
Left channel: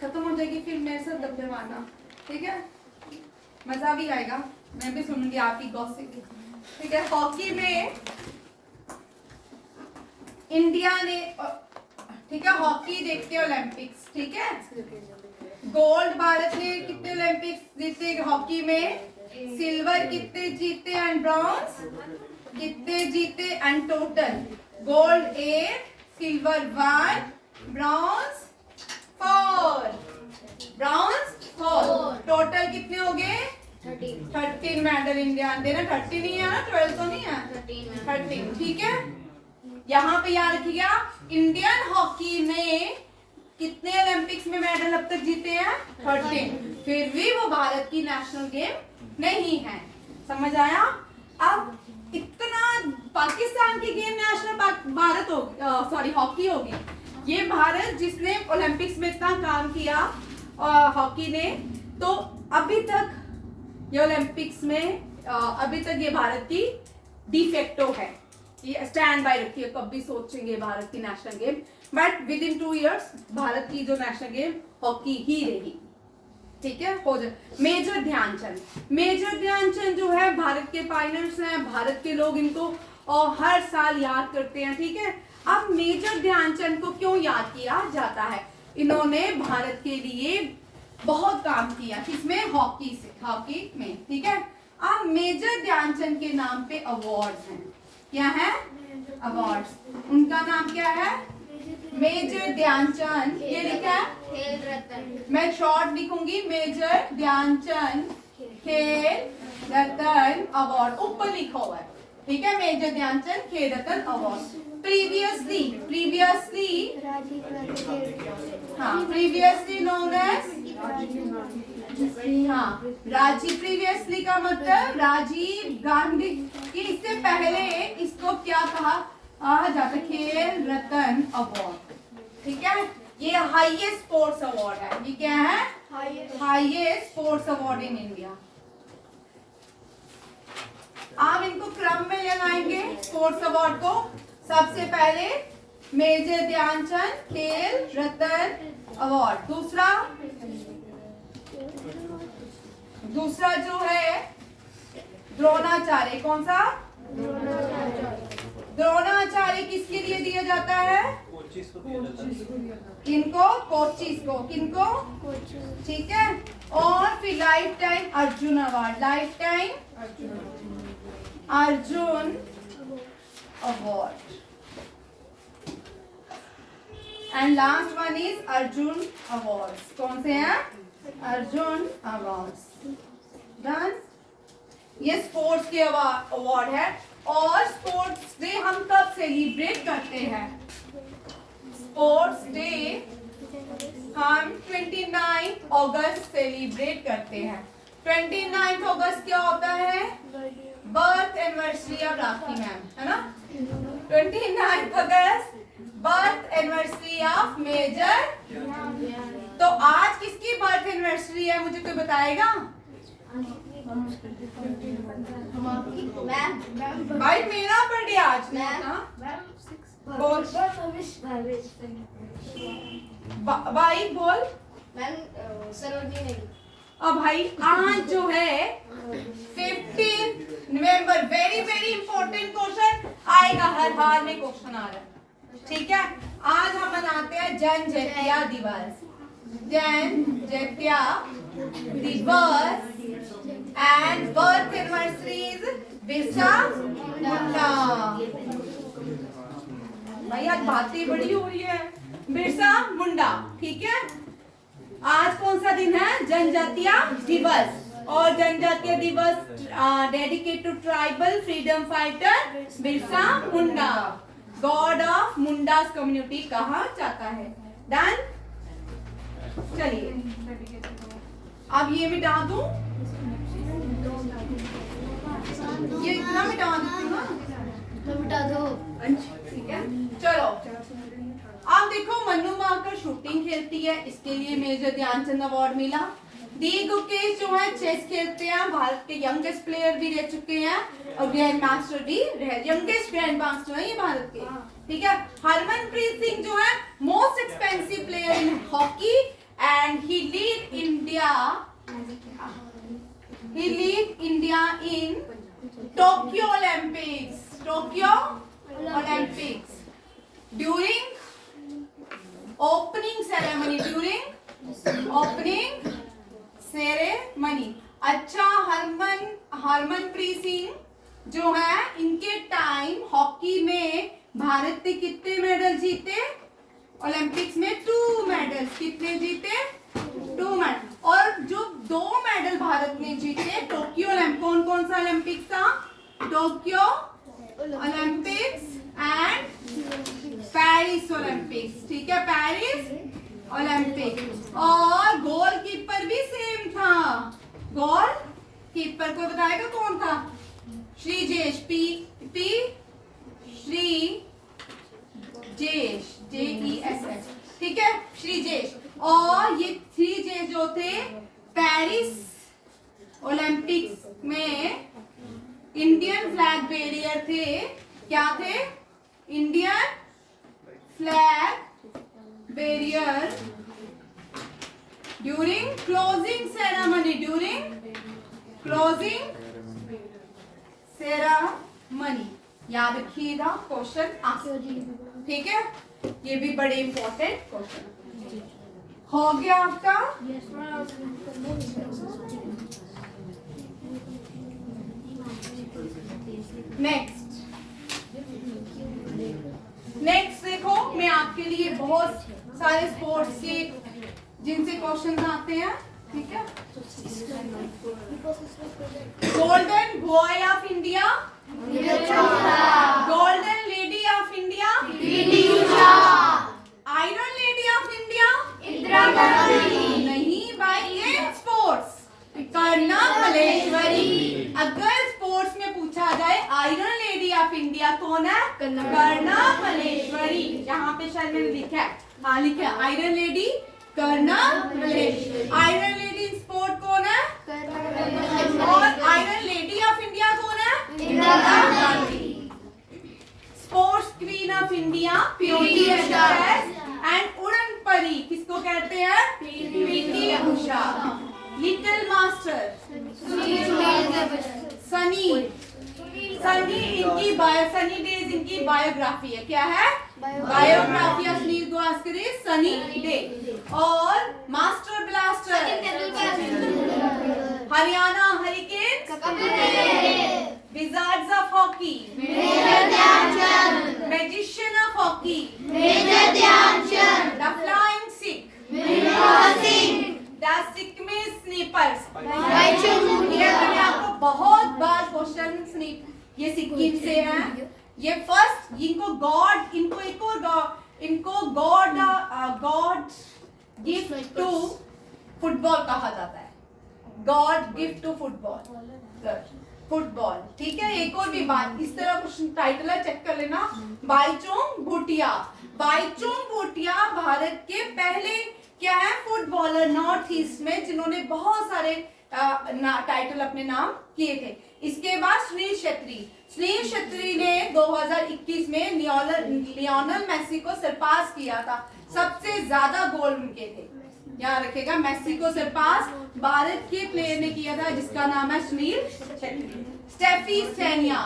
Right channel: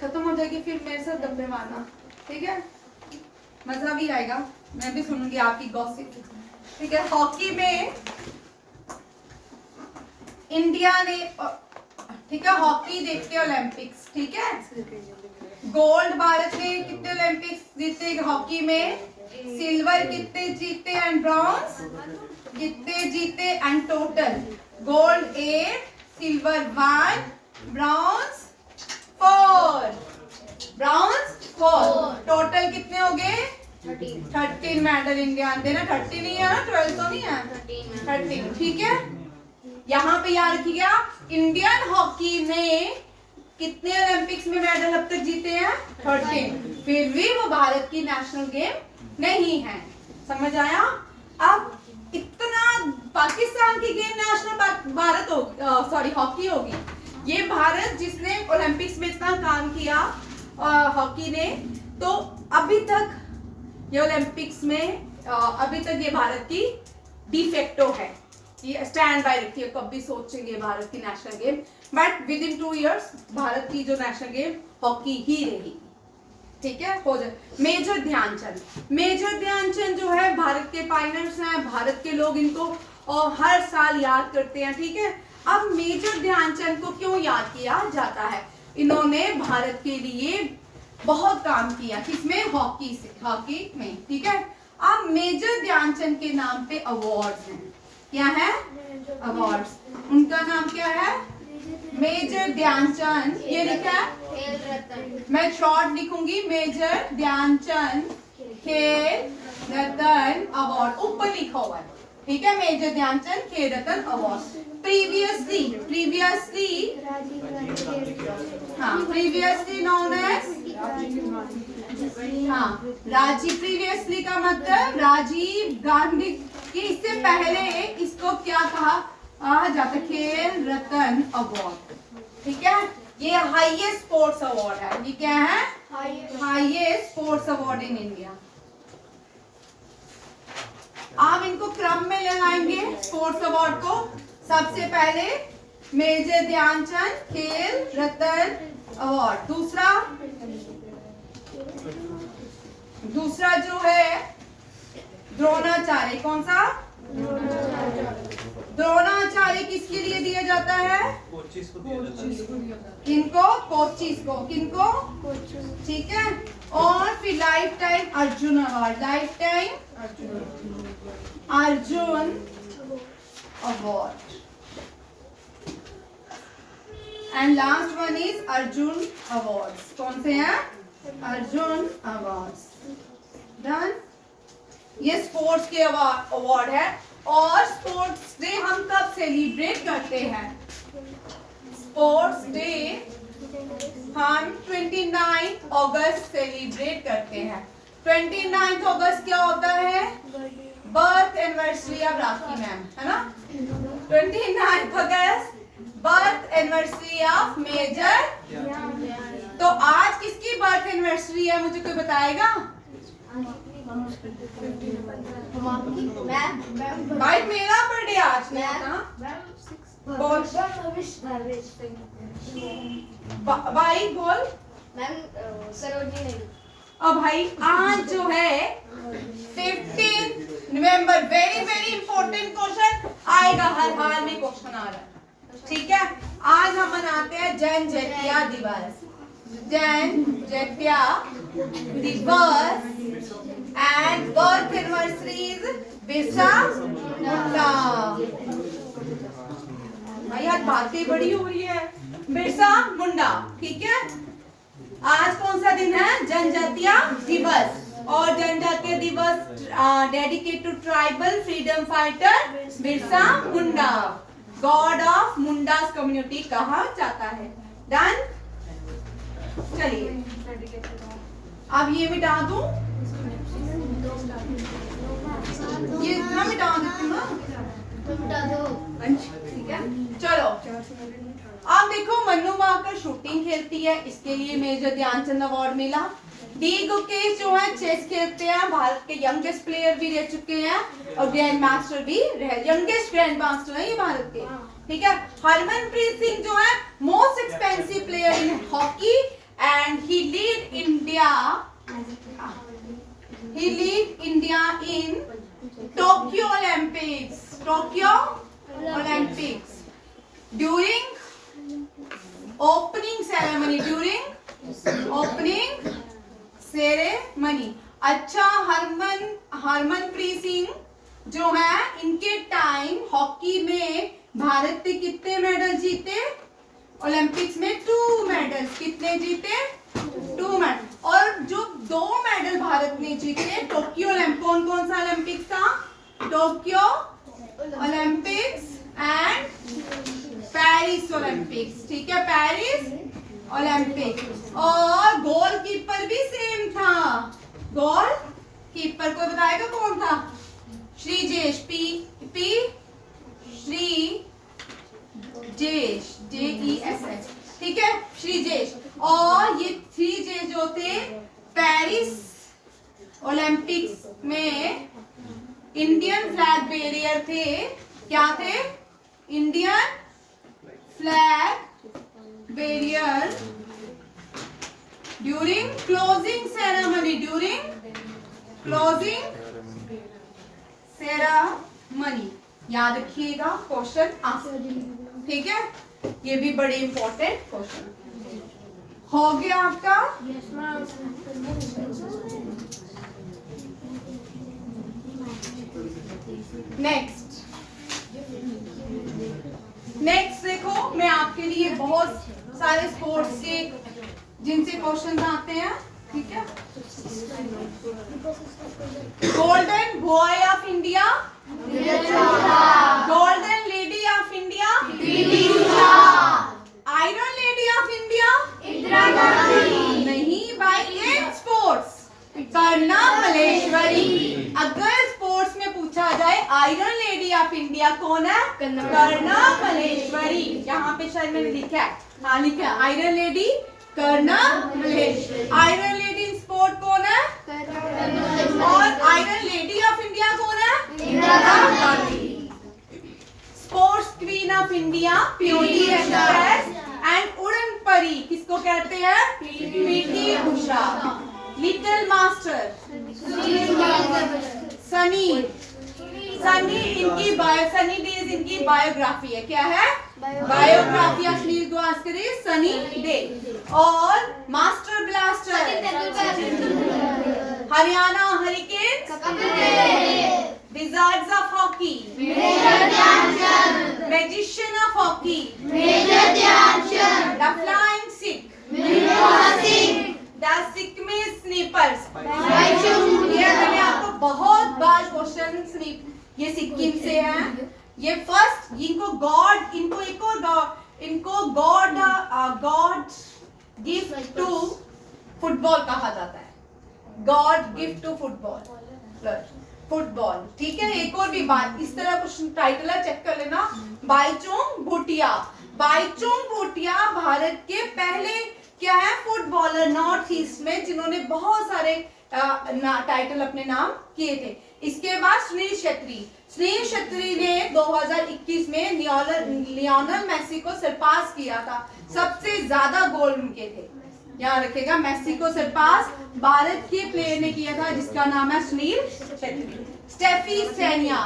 खत्म हो जाएगी फिर मेरे साथ डब्बे मारना। ठीक है, मजा भी आएगा, मैं भी सुनूंगी आपकी गॉसिप। ठीक है, हॉकी में इंडिया ने, ठीक है, हॉकी देखते हैं ओलंपिक्स। ठीक है, गोल्ड भारत ने कितने ओलंपिक्स जीते हॉकी में? सिल्वर कितने जीते एंड ब्रॉन्ज कितने जीते? And total gold 8, silver 1, bronze 4। Bronze 4, total कितने हो गए? 13 मेडल इंडिया ने देना। 30 नहीं है ना, 12 तो नहीं है, 13। ठीक है, यहाँ पे याद रखिएगा इंडियन हॉकी में कितने ओलंपिक्स में मेडल अब तक जीते हैं? 13। फिर भी वो भारत की नेशनल गेम नहीं है। समझ आया? अब इतना पाकिस्तान की गेम नेशनल भारत हो, सॉरी हॉकी होगी। ये भारत जिसने ओलंपिक्स में इतना काम किया हॉकी ने, तो अभी तक ये ओलंपिक्स में अभी तक ये भारत की डिफेक्टो है। ये स्टैंड बाय रखी है, कभी सोचेंगे भारत की national game, but with in 2 years Bharat की जो नेशनल गेम हॉकी ही रहेगी। ठीक है, हो जाए। मेजर ध्यानचंद जो है भारत के पायनियर्स हैं, भारत के लोग इनको और हर साल याद करते हैं। ठीक है, अब मेजर ध्यानचंद को क्यों याद किया जाता है? इन्होंने भारत के लिए बहुत काम किया, किसमें? हॉकी में। ठीक है, अब मेजर ध्यानचंद के नाम पे अवार्ड्स हैं। क्या है? अवार्ड्स। उनका नाम क्या है? मेजर ध्यानचंद। ये लिखा है, खेल रत्न। मैं शॉर्ट लिखूंगी, मेजर ध्यानचंद खेल रत्न अवार्ड, ऊपर लिखा हुआ है। ठीक है, major Dhyan Chand Khel Ratna award. Previously known as previously का मतलब राजीव गांधी की, इससे पहले इसको क्या कहा जाता? खेल रत्न अवार्ड। ठीक है, ये हाईएस्ट स्पोर्ट्स अवार्ड है। ये क्या है? Highest sports award in India. आप इनको क्रम में लगाएंगे स्पोर्ट्स अवार्ड को। सबसे पहले मेजर ध्यानचंद खेल रत्न अवार्ड। दूसरा जो है द्रोणाचार्य। कौन सा? द्रोणाचार्य किसके लिए दिया जाता है? किनको? कोचिस को। किनको? ठीक है, और फिर life time Arjun award. Life time Arjun award. And last one is Arjun awards. कौन से हैं? अर्जुन अवार्ड्स। डन। ये स्पोर्ट्स के अवार्ड है। और स्पोर्ट्स डे हम कब सेलिब्रेट करते हैं? स्पोर्ट्स डे हम 29 अगस्त सेलिब्रेट करते हैं। 29 अगस्त क्या होता है? Birth anniversary of rakhi ma'am, है ना? 29 अगस्त बर्थ एनिवर्सरी ऑफ मेजर। तो आज किसकी बर्थ एनिवर्सरी है, मुझे कोई बताएगा? भाई मेरा बर्थडे आज नहीं था। बोल भाई, बोल। मैम सरोजिनी। अब भाई आज जो है 15 नवंबर, वेरी वेरी इंपॉर्टेंट क्वेश्चन आएगा, हर हाल में क्वेश्चन आ रहा है। ठीक है, आज हम मनाते हैं जनजातीय दिवस। जनजातीय दिवस and birth anniversaries Birsa Munda. भाई आज बातें बड़ी हो रही है। बिरसा मुंडा। ठीक है, आज कौन सा दिन है? जनजातीय दिवस। और जनजातीय दिवस dedicate to tribal freedom fighter Birsa Munda, god of Mundas community कहा जाता है। डन। चलिए अब ये मिटा दूं, ये इतना मिटा देती हूँ ना। ठीक है, चलो अब देखो मन्नू माकर शूटिंग खेलती है, इसके लिए मेजर ध्यानचंद अवार्ड मिला। डी गुकेश जो है चेस खेलते हैं, भारत के यंगेस्ट प्लेयर भी रह चुके हैं और ग्रैंड मास्टर भी रहे, यंगेस्ट ग्रैंड मास्टर है ये भारत के। ठीक है, हरमनप्रीत सिंह जो है most expensive player in hockey and he lead India in Tokyo Olympics during opening ceremony. अच्छा, हरमनप्रीत सिंह जो है इनके टाइम हॉकी में भारत ने कितने मेडल जीते? ओलंपिक्स में 2 मेडल्स। कितने जीते? 2 मेडल। और जो 2 मेडल भारत ने जीते टोक्यो ओलंपिक, कौन सा ओलंपिक्स था? Tokyo Olympics and Paris Olympics. ठीक है, पेरिस ओलंपिक। और गोलकीपर भी सेम था। गोलकीपर को बताएगा कौन था? श्रीजेश पी पी श्री जेश JESH, ठीक है, श्रीजेश। और ये श्रीजेश जो थे पेरिस ओलंपिक्स में इंडियन फ्लैग बेरियर थे। क्या थे? Indian flag barrier during closing ceremony, याद रखिएगा, क्वेश्चन आंसर, ठीक है। ये भी बड़े इंपॉर्टेंट क्वेश्चन हो गया आपका। नेक्स्ट देखो, मैं आपके लिए बहुत सारे स्पोर्ट्स के जिनसे क्वेश्चन आते हैं, ठीक है। Golden boy of India, golden lady of India, iron lady of India, नहीं भाई, इन स्पोर्ट्स करना मलेश्वरी। अगर स्पोर्ट्स में पूछा जाए आयरन लेडी ऑफ इंडिया कौन है? करना मलेश्वरी। यहाँ पे शायद मैंने लिखा है, हाँ लिखा है, iron lady Karnam Malleswari. Iron lady in sport कौन है? और आयरन लेडी ऑफ इंडिया कौन है? Indira Gandhi. Sports queen of India PT Usha and उड़न परी किसको कहते हैं? PT Usha. Little master sunny इनकी सनी डेज इनकी बायोग्राफी है। क्या है? Biography of Sunil Gavaskar is sunny day. और master blaster Haryana hurricanes, wizards of hockey, magician of hockey, the flying Sikh, the Sikkimese snipers. ये मैंने आपको बहुत बार क्वेश्चन, ये सिक्किम से हैं। ये फर्स्ट इनको गॉड, इनको एक और इनको गॉड गिफ्ट टू फुटबॉल कहा जाता है। गॉड गिफ्ट टू फुटबॉल, ठीक है। एक और भी बात, इस तरह कुछ टाइटल है, चेक कर लेना। बाईचुंग भूटिया भारत के पहले क्या है? फुटबॉलर नॉर्थ ईस्ट में, जिन्होंने बहुत सारे टाइटल अपने नाम किए थे। इसके बाद सुनील छेत्री ने 2021 में लियोनेल मेसी को सरपास किया था। सबसे ज्यादा गोल उनके थे, याद रखिएगा। मेसी को सरपास भारत के प्लेयर ने किया था, जिसका नाम है सुनील छेत्री। स्टेफी सेनिया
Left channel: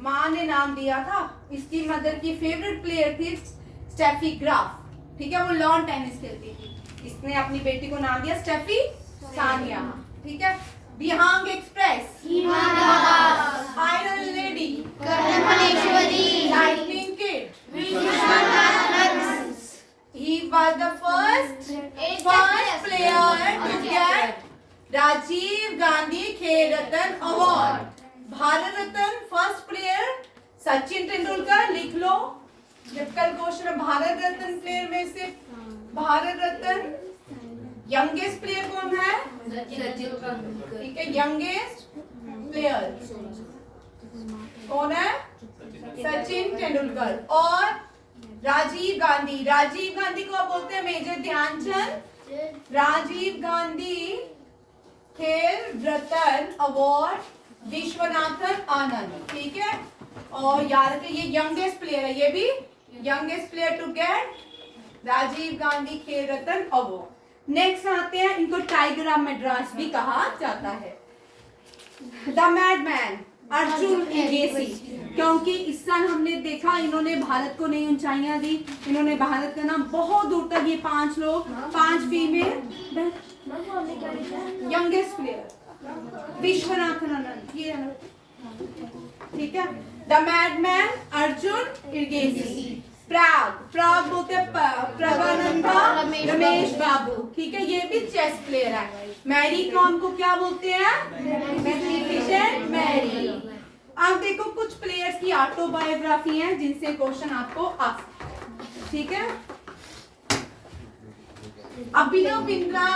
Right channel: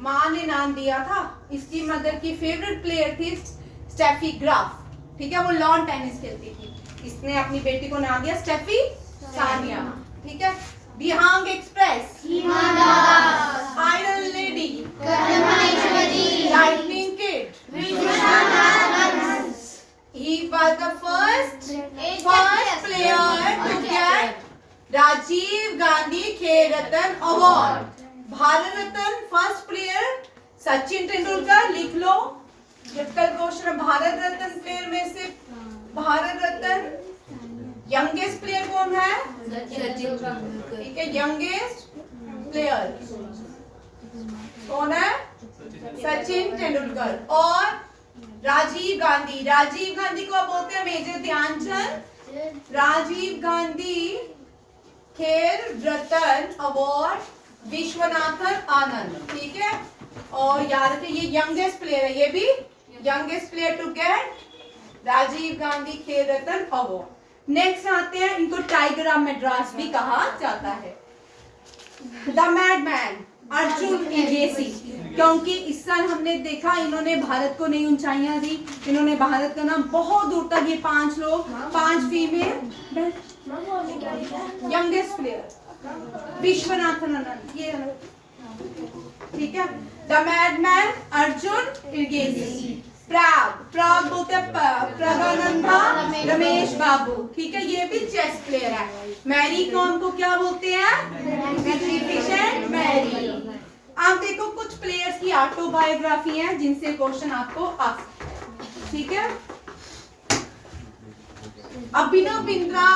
माँ ने नाम दिया था। इसकी मदर की फेवरेट प्लेयर थी स्टेफी ग्राफ, ठीक है। वो लॉन टेनिस खेलती थी। इसने अपनी बेटी को नाम दिया स्टेफी सानिया, ठीक है। बिहांग express, iron lady, lightning kid, he was the first player to get Rajiv Gandhi Khel Ratna award. Bharat Ratna first player Sachin Tendulkar, लिख लो। जब कल क्वेश्चन, भारत रत्न प्लेयर में से भारत रत्न यंगेस्ट प्लेयर कौन है? ठीक है, यंगेस्ट प्लेयर कौन है? सचिन तेंदुलकर। और राजीव गांधी को बोलते हैं मेजर ध्यानचंद। राजीव गांधी खेल रत्न अवार्ड विश्वनाथन आनंद, ठीक है। और याद रखिए, ये यंगेस्ट प्लेयर है, ये भी youngest player to get Rajiv Gandhi Khel Ratna award. Next आते हैं, इनको टाइगर ऑफ मद्रास भी कहा जाता है। द मैडमैन अर्जुन एजेसी, क्योंकि इस साल हमने देखा इन्होंने भारत को नई ऊंचाइयां दी। इन्होंने भारत का नाम बहुत दूर तक, ये 5 लोग, 5 female, youngest player Viswanathan Anand, ये ठीक है। द मैडमैन अर्जुन एजेसी। प्राग बोलते हैं प्रगानंदा रमेश बाबू, ठीक है। ये भी चेस प्लेयर है। मैरी कॉम को क्या बोलते हैं? मैग्निफिसेंट मैरी। आप देखो, कुछ प्लेयर्स की ऑटोबायोग्राफी है जिनसे क्वेश्चन आपको आ सकता है, ठीक है। अभिनव बिंद्रा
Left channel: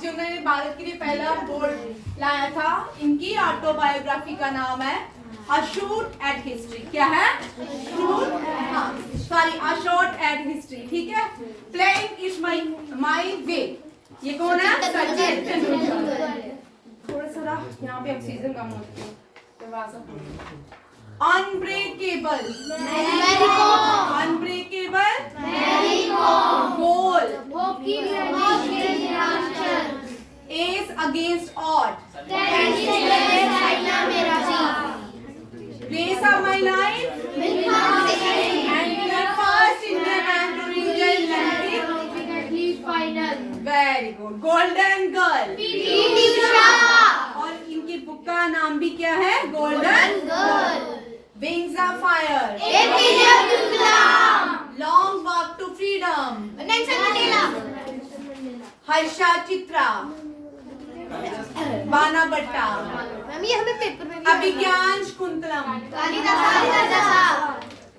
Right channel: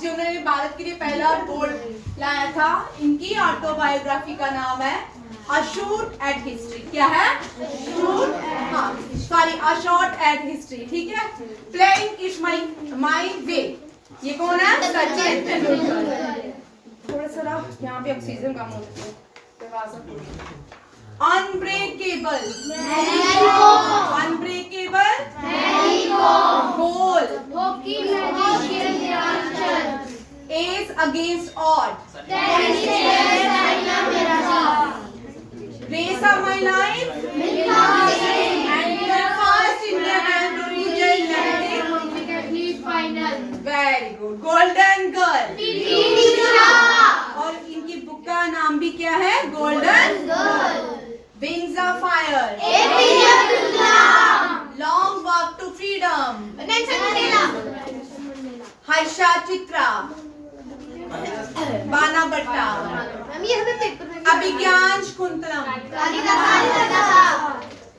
जिन्होंने भारत के लिए पहला गोल्ड लाया था, इनकी ऑटोबायोग्राफी का नाम है अ शॉट एट हिस्ट्री। क्या है? Sorry, a shot at history. ठीक है। प्लेइंग इज माई वे, ये कौन है? सचिन तेंदुलकर। थोड़ा सा यहाँ पे ऑक्सीजन कम होती है। Unbreakable, unbreakable, goal, edge against odd, race of my life, and the first Indian man to reach the Olympic. Very good. Golden girl. और इनकी बुक का नाम भी क्या है? Golden girl. Wings of fire, long walk to freedom, Harsha Chitra, Bana Bhatta, अभिज्ञान शाकुंतलम,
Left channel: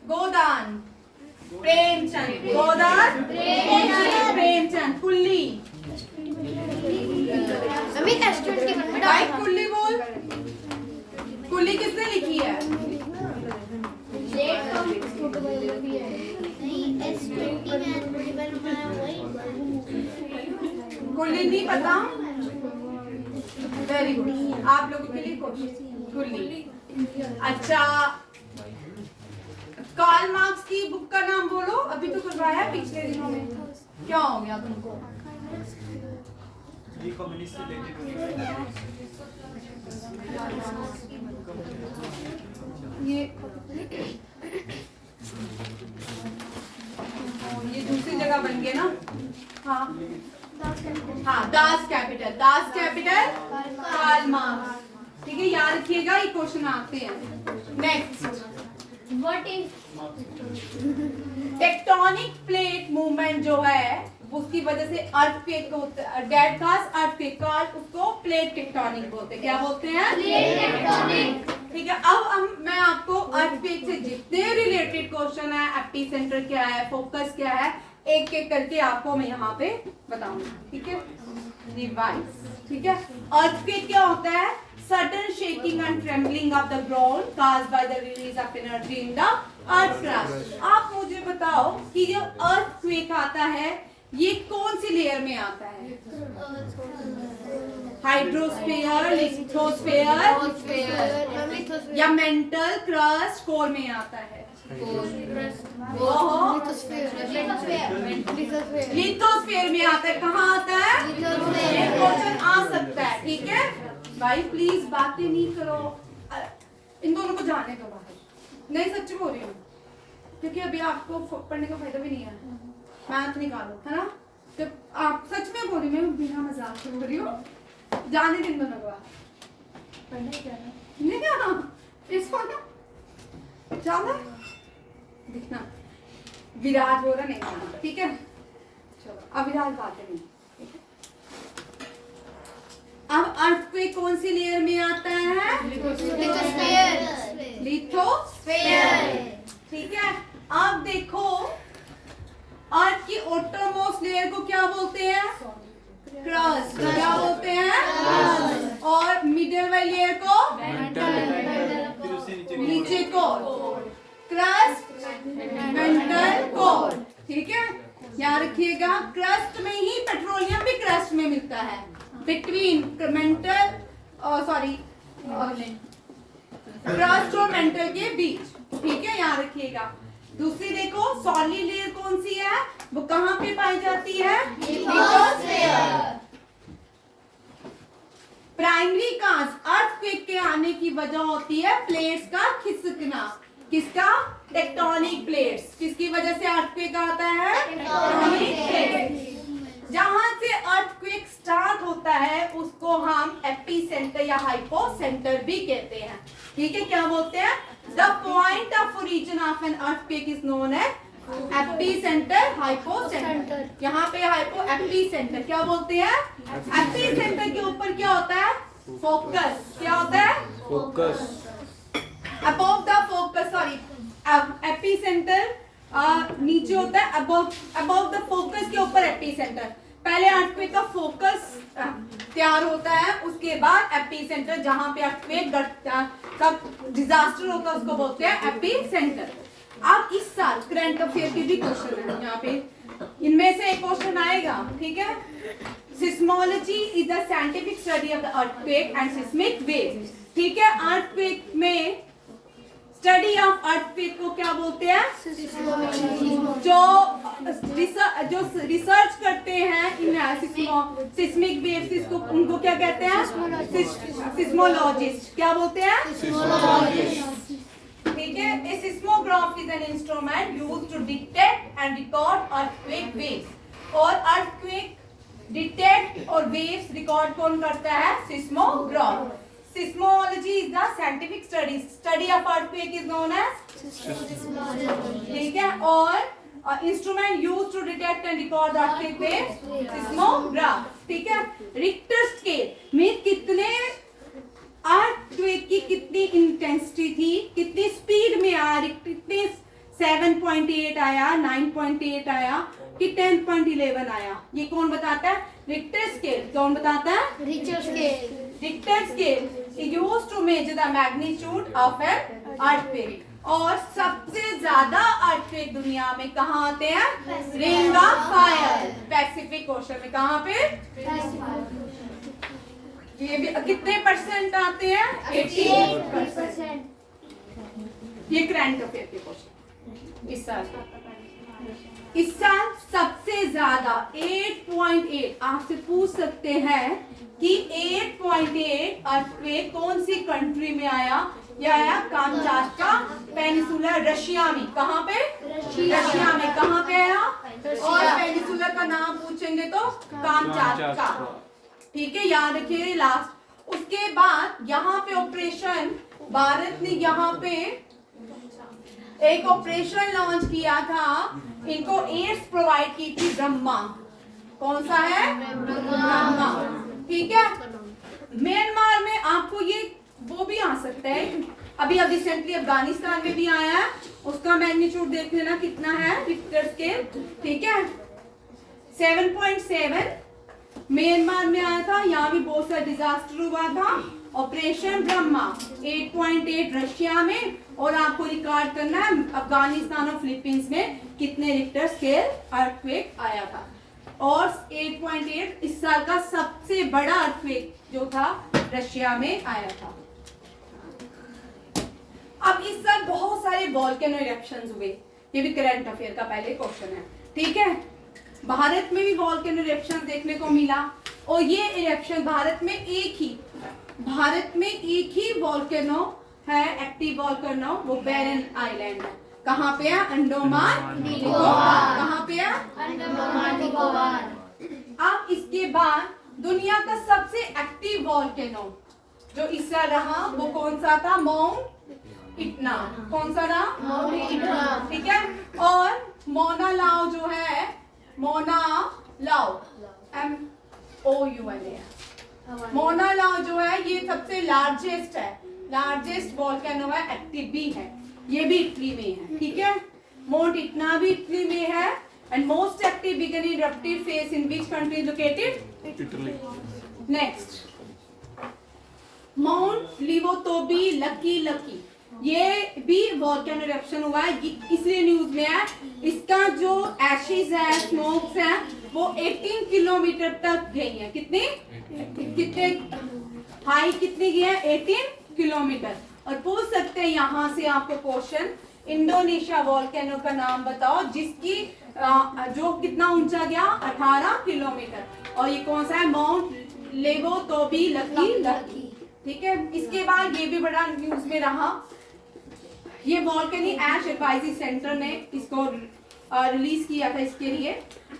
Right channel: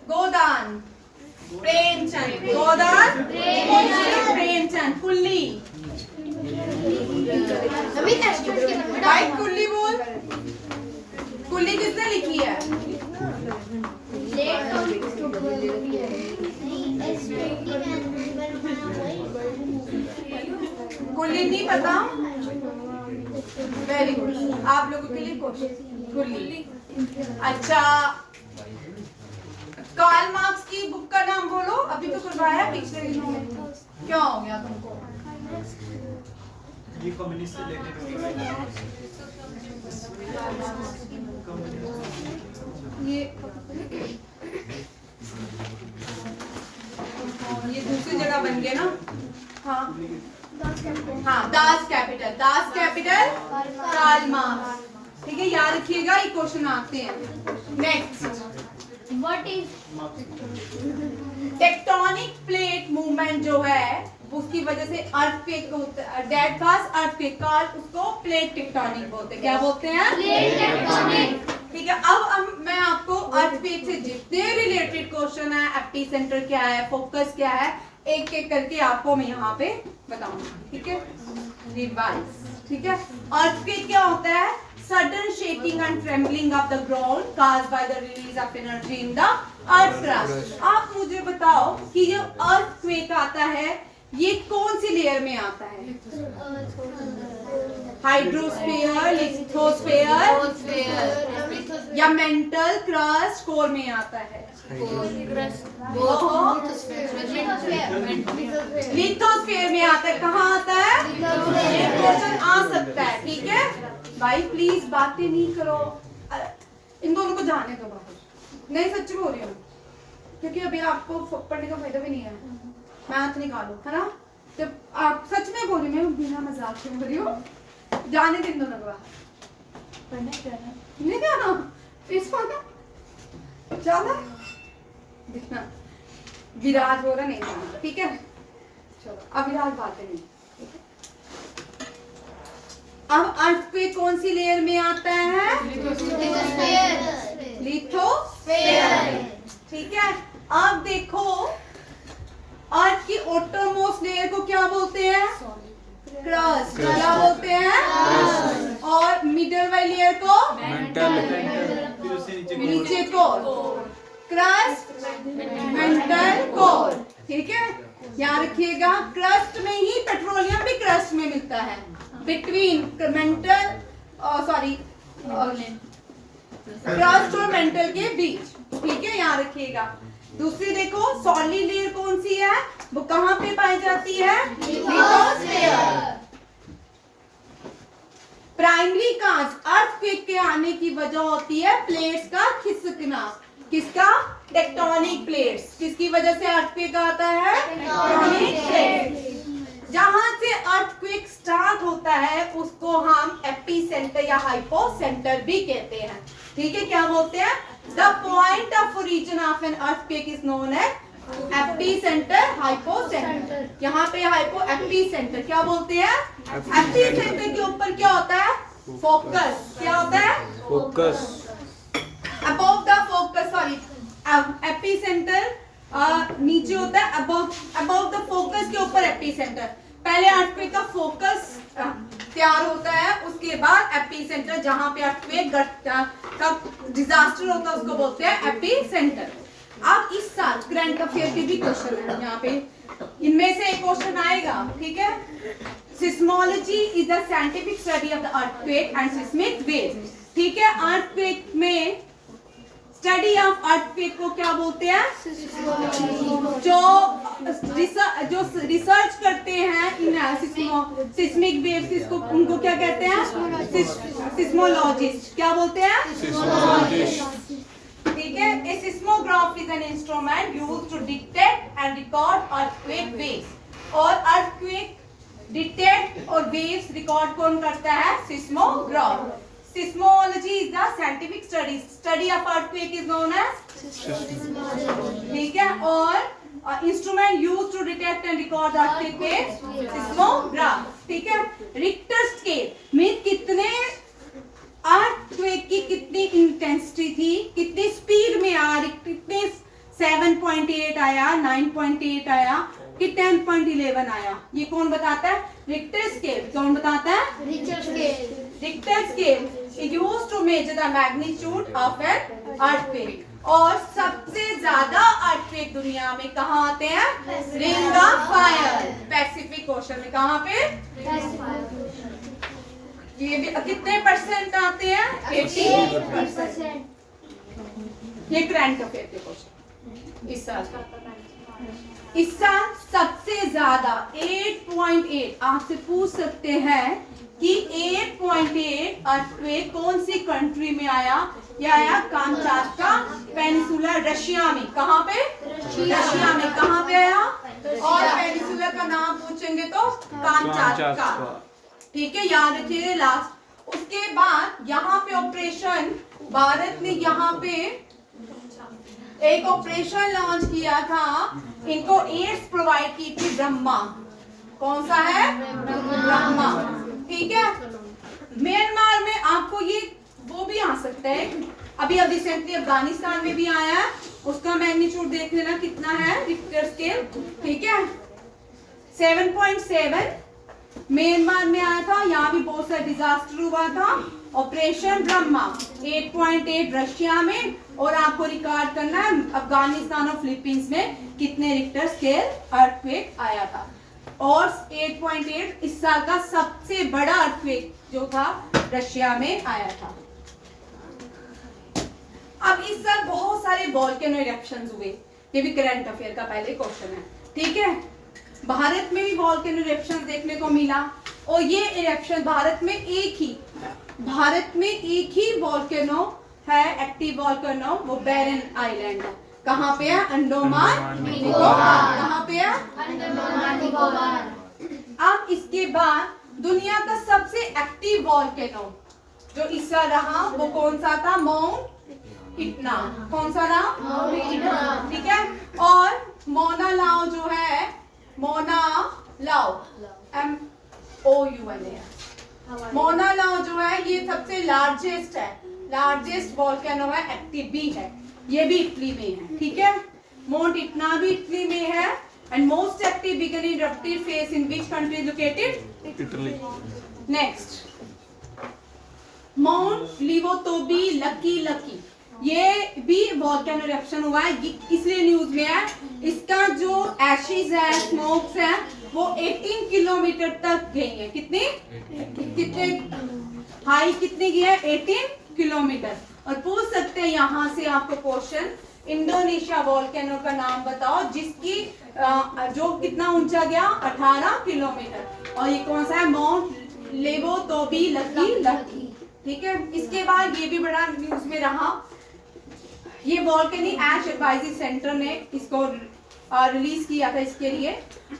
गोदान प्रेमचंद, गोदान प्रेमचंद, कुल्ली, भाई कुल्ली बोल। कुल्ली किसने लिखी है? कुल्ली नहीं पता? वेरी गुड, आप लोगों के लिए क्वेश्चन। कुल्ली। अच्छा, कार्ल मार्क्स की बुक का नाम बोलो। अभी तो करवाया पिछले दिनों में, क्या हो गया तुमको? ये कम्युनिस्ट से रिलेटेड ये दूसरी जगह बन गए ना। हाँ हाँ, Das Kapital, Das Kapital Karl Marx. ठीक है, याद रखिएगा, ये क्वेश्चन आते हैं। Next, What is tectonic plate movement जो है उसकी वजह से अर्थक्वेक होता है। डेड फास्ट अर्थक्वेक का उसको प्लेट टेक्टोनिक बोलते हैं। क्या बोलते हैं? plate tectonic? ठीक है। अब मैं आपको अर्थक्वेक से जितने रिलेटेड क्वेश्चन है, एपिसेंटर क्या है, फोकस क्या है, एक एक करके आपको मैं यहाँ पे बताऊंगी। ठीक है, रिवाइज। ठीक है, अर्थक्वेक क्या होता है? Sudden shaking and trembling of the ground caused by the release of energy in the earth crust. आप मुझे बताओ कि जो earthquake आता है ये कौन सी लेयर में आता है? हाइड्रोस्फीयर, लिथोस्फीयर या मेंटल क्रस्ट कोर में आता है? लिथोस्फीयर में आता है। कहाँ आता है? क्वेश्चन आ सकता है। ठीक है भाई, प्लीज बातें नहीं करो, इन दोनों को जाने दो बाहर। नहीं, सच बोल रही हूँ, क्योंकि अभी आपको पढ़ने का फायदा भी नहीं है। मैथ निकालो, है ना? जब आप सच में बोल रही, मैं बिना मजाक से बोल रही हूँ, जाने दिन दोनों को बाहर। पढ़ना क्या है? नहीं जाना, इसको ना जाना, दिखना। विराज बोल रहा नहीं जाना। ठीक है, चलो अब विराज बातें नहीं। अब अर्थक्वेक कौन सी लेयर में आता है? लिथोस्फीयर। ठीक है, अब देखो अर्थ की outermost लेयर को क्या बोलते हैं? क्रस्ट। क्या बोलते हैं? और मिडल वाली लेयर को? नीचे को क्रस्ट, मेंटल कोर। ठीक है, याद रखिएगा, क्रस्ट में ही पेट्रोलियम भी क्रस्ट में मिलता है, बिटवीन मेंटल सॉरी क्रस्ट और मेंटल के बीच। ठीक है, याद रखिएगा। दूसरी देखो, सॉलिड लेयर कौन सी है? वो कहाँ पे पाई जाती है? लिथोस्फीयर। प्राइमरी काज अर्थक्वेक के आने की वजह होती है प्लेट्स का खिसकना। किसका? Tectonic plates. किसकी वजह से अर्थक्वेक आता है? Tectonic plates. जहां से अर्थक्वेक स्टार्ट होता है उसको हम एपिसेंटर या हाइपोसेंटर भी कहते हैं। ठीक है, क्या बोलते हैं? The point of origin of an earthquake is known as epicentre, hypocentre. यहाँ पे हाइपो, एपिसेंटर क्या बोलते हैं? एपिसेंटर के ऊपर क्या होता है? फोकस। क्या होता है? Focus. Above the focus, sorry, epicentre नीचे होता है, अबव द फोकस के ऊपर एपिसेंटर। पहले अर्थक्वेक का फोकस तैयार होता है, उसके बाद एपिसेंटर, जहां पे अर्थक्वेक का डिजास्टर होता है उसको बोलते हैं एपिसेंटर। अब इस साल करंट अफेयर के भी क्वेश्चन है यहाँ पे, इनमें से एक क्वेश्चन आएगा, ठीक है। Seismology is the scientific study of the earthquake and seismic waves, ठीक है। अर्थक्वेक में स्टडी ऑफ अर्थक्वेक को क्या बोलते हैं? जो रिसर्च करते हैं इन सिस्मिक वेव्स, इसको उनको क्या कहते हैं? सिस्मोलॉजिस्ट। क्या बोलते हैं? ठीक है। A seismograph is an instrument used to detect and record earthquake waves. और earthquake detect और waves record कौन करता है? Seismograph. Seismology is the scientific study of earthquake is known as, ठीक है। और instrument use to detect and record earthquake waves, seismograph, ठीक है। रिक्टर स्केल में कितने अर्थक्वेक की कितनी इंटेंसिटी थी, कितनी स्पीड में आया, कितने 7.8 आया, 9.8 आया कि 10.11 आया, ये कौन बताता है? Richter scale. कौन बताता है? Richter scale is used to measure the magnitude of an earthquake. और सबसे ज्यादा अर्थक्वेक दुनिया में कहाँ आते हैं? Ring of fire, Pacific ocean में। कहाँ पे? ये भी कितने परसेंट आते हैं? 80%। ये करंट अफेयर के क्वेश्चन इस साल। इस साल सबसे ज्यादा 8.8 आपसे पूछ सकते हैं कि 8.8 अर्थक्वेक कौन सी कंट्री में आया? ये आया कामचाटका पेनिसुला, रशिया में। कहाँ पे? रशिया में। कहाँ पे आया? और पेनिसुला का नाम पूछेंगे तो कामचाटका, ठीक है, याद रखिए लास्ट। उसके बाद यहाँ पे ऑपरेशन, भारत ने यहाँ पे एक ऑपरेशन लॉन्च किया था, इनको एड्स प्रोवाइड की थी, ब्रह्मा। कौन सा है? ब्रह्मा, ठीक है। म्यांमार में आपको ये वो भी आ सकता है, अभी रिसेंटली अफगानिस्तान में भी आया है, उसका मैग्नीट्यूड देख लेना कितना है रिक्टर स्केल, ठीक है। 7.7 म्यांमार में आया था, यहाँ भी बहुत सारा डिजास्टर हुआ था। ऑपरेशन ब्रह्मा 8.8 रशिया में, और आपको रिकॉर्ड करना है अफगानिस्तान और फिलीपींस में कितने रिक्टर स्केल अर्थक्वेक आया था। और 8.8 इस साल का सबसे बड़ा अर्थक्वेक जो था रशिया में आया था। अब इस साल बहुत सारे वोल्केनो इरप्शंस हुए, ये भी करंट अफेयर का पहले क्वेश्चन है, ठीक है। भारत में भी वोल्केनो इरप्शन देखने को मिला, और ये इरप्शन भारत में एक ही वोल्केनो है, एक्टिव वोल्केनो, वो बैरन आइलैंड है। कहाँ पे है? अंडमान निकोबार। कहाँ पे है? अंडमान निकोबार। अब इसके बाद दुनिया का सबसे एक्टिव वोल्केनो जो इस साल रहा वो कौन सा था? माउंट इटना। कौन सा रहा? माउंट इटना, ठीक है। और मोना लाओ जो है, मोना लाओ MOUNA, मोना लाओ जो है ये सबसे लार्जेस्ट वोल्केनो है, एक्टिव भी है, ये भी इटली में है, ठीक है। माउंट इटना भी इटली में है, and most active began in eruptive phase in which country located? Italy. Next, mount Lewotobi Laki, ये भी वोल्केनो इरप्शन हुआ है, इसलिए न्यूज में है। इसका जो एशेज है, स्मोक्स है, वो 18 किलोमीटर तक गई है। कितने हाई कितनी गई है? 18 किलोमीटर। और पूछ सकते हैं यहाँ से आपको क्वेश्चन, इंडोनेशिया वोल्केनो का नाम बताओ जिसकी जो कितना ऊंचा गया? 18 किलोमीटर। और ये कौन सा है? माउंट लेवोतोबी लकी, ठीक है। इसके बाद ये भी बड़ा न्यूज में रहा, ये वोल्केनिक ऐश एडवाइजरी सेंटर ने इसको रिलीज किया था इसके लिए,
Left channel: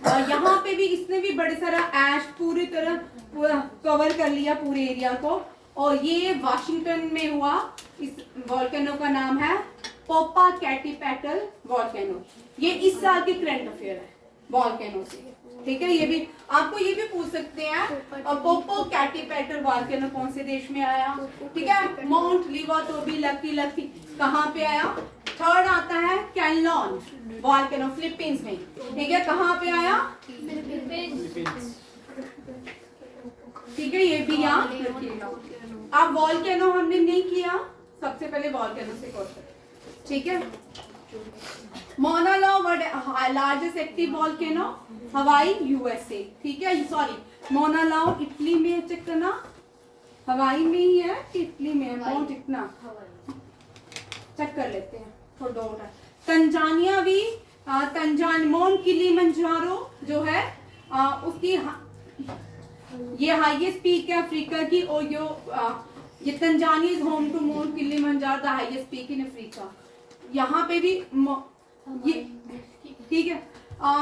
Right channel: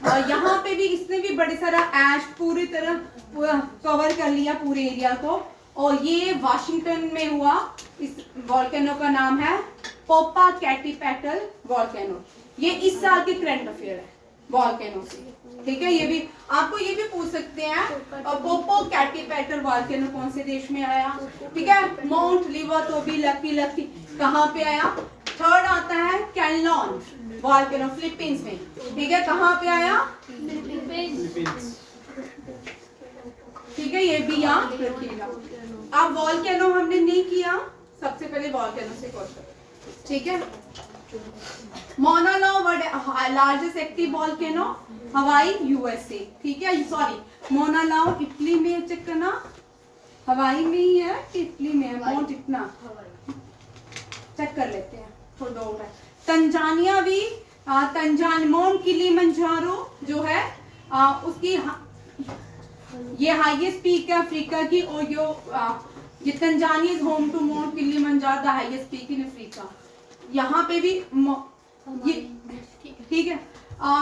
और यहाँ पे भी इसने भी बड़े सारा ऐश पूरी तरह कवर कर लिया पूरे एरिया को, और ये वाशिंगटन में हुआ। इस वोल्केनो का नाम है पोपाकेटिपेटल वोल्केनो। ये इस साल के करंट अफेयर है वोल्केनो से, ठीक है। ये भी आपको ये भी पूछ सकते हैं, पोपोकेटिपेटल वोल्केनो कौन से देश में आया, ठीक है। माउंट लिवोतोबी लकी कहाँ पे आया? थर्ड आता है कैनलॉन वॉल्केनो फिलीपींस में, ठीक है। कहाँ पे आया? ठीक है, ये भी याद रखिएगा। अब वॉल्केनो हमने नहीं किया, सबसे पहले वॉल्केनो से क्वेश्चन, ठीक है। मौना लॉ लार्जेस्ट एक्टिव वॉल्केनो हवाई यूएसए, ठीक है। सॉरी, मौना लॉ इटली में, चेक करना हवाई में ही है कि इटली में है, माउंट इतना चेक कर लेते हैं, थोड़ा डाउट है। तंजानिया भी माउंट किलिमंजारो जो है उसकी ये हाईएस्ट पीक है अफ्रीका की, और ये Tanzania is home to Mount Kilimanjaro, the highest peak in Africa. यहाँ पे भी ये ठीक है,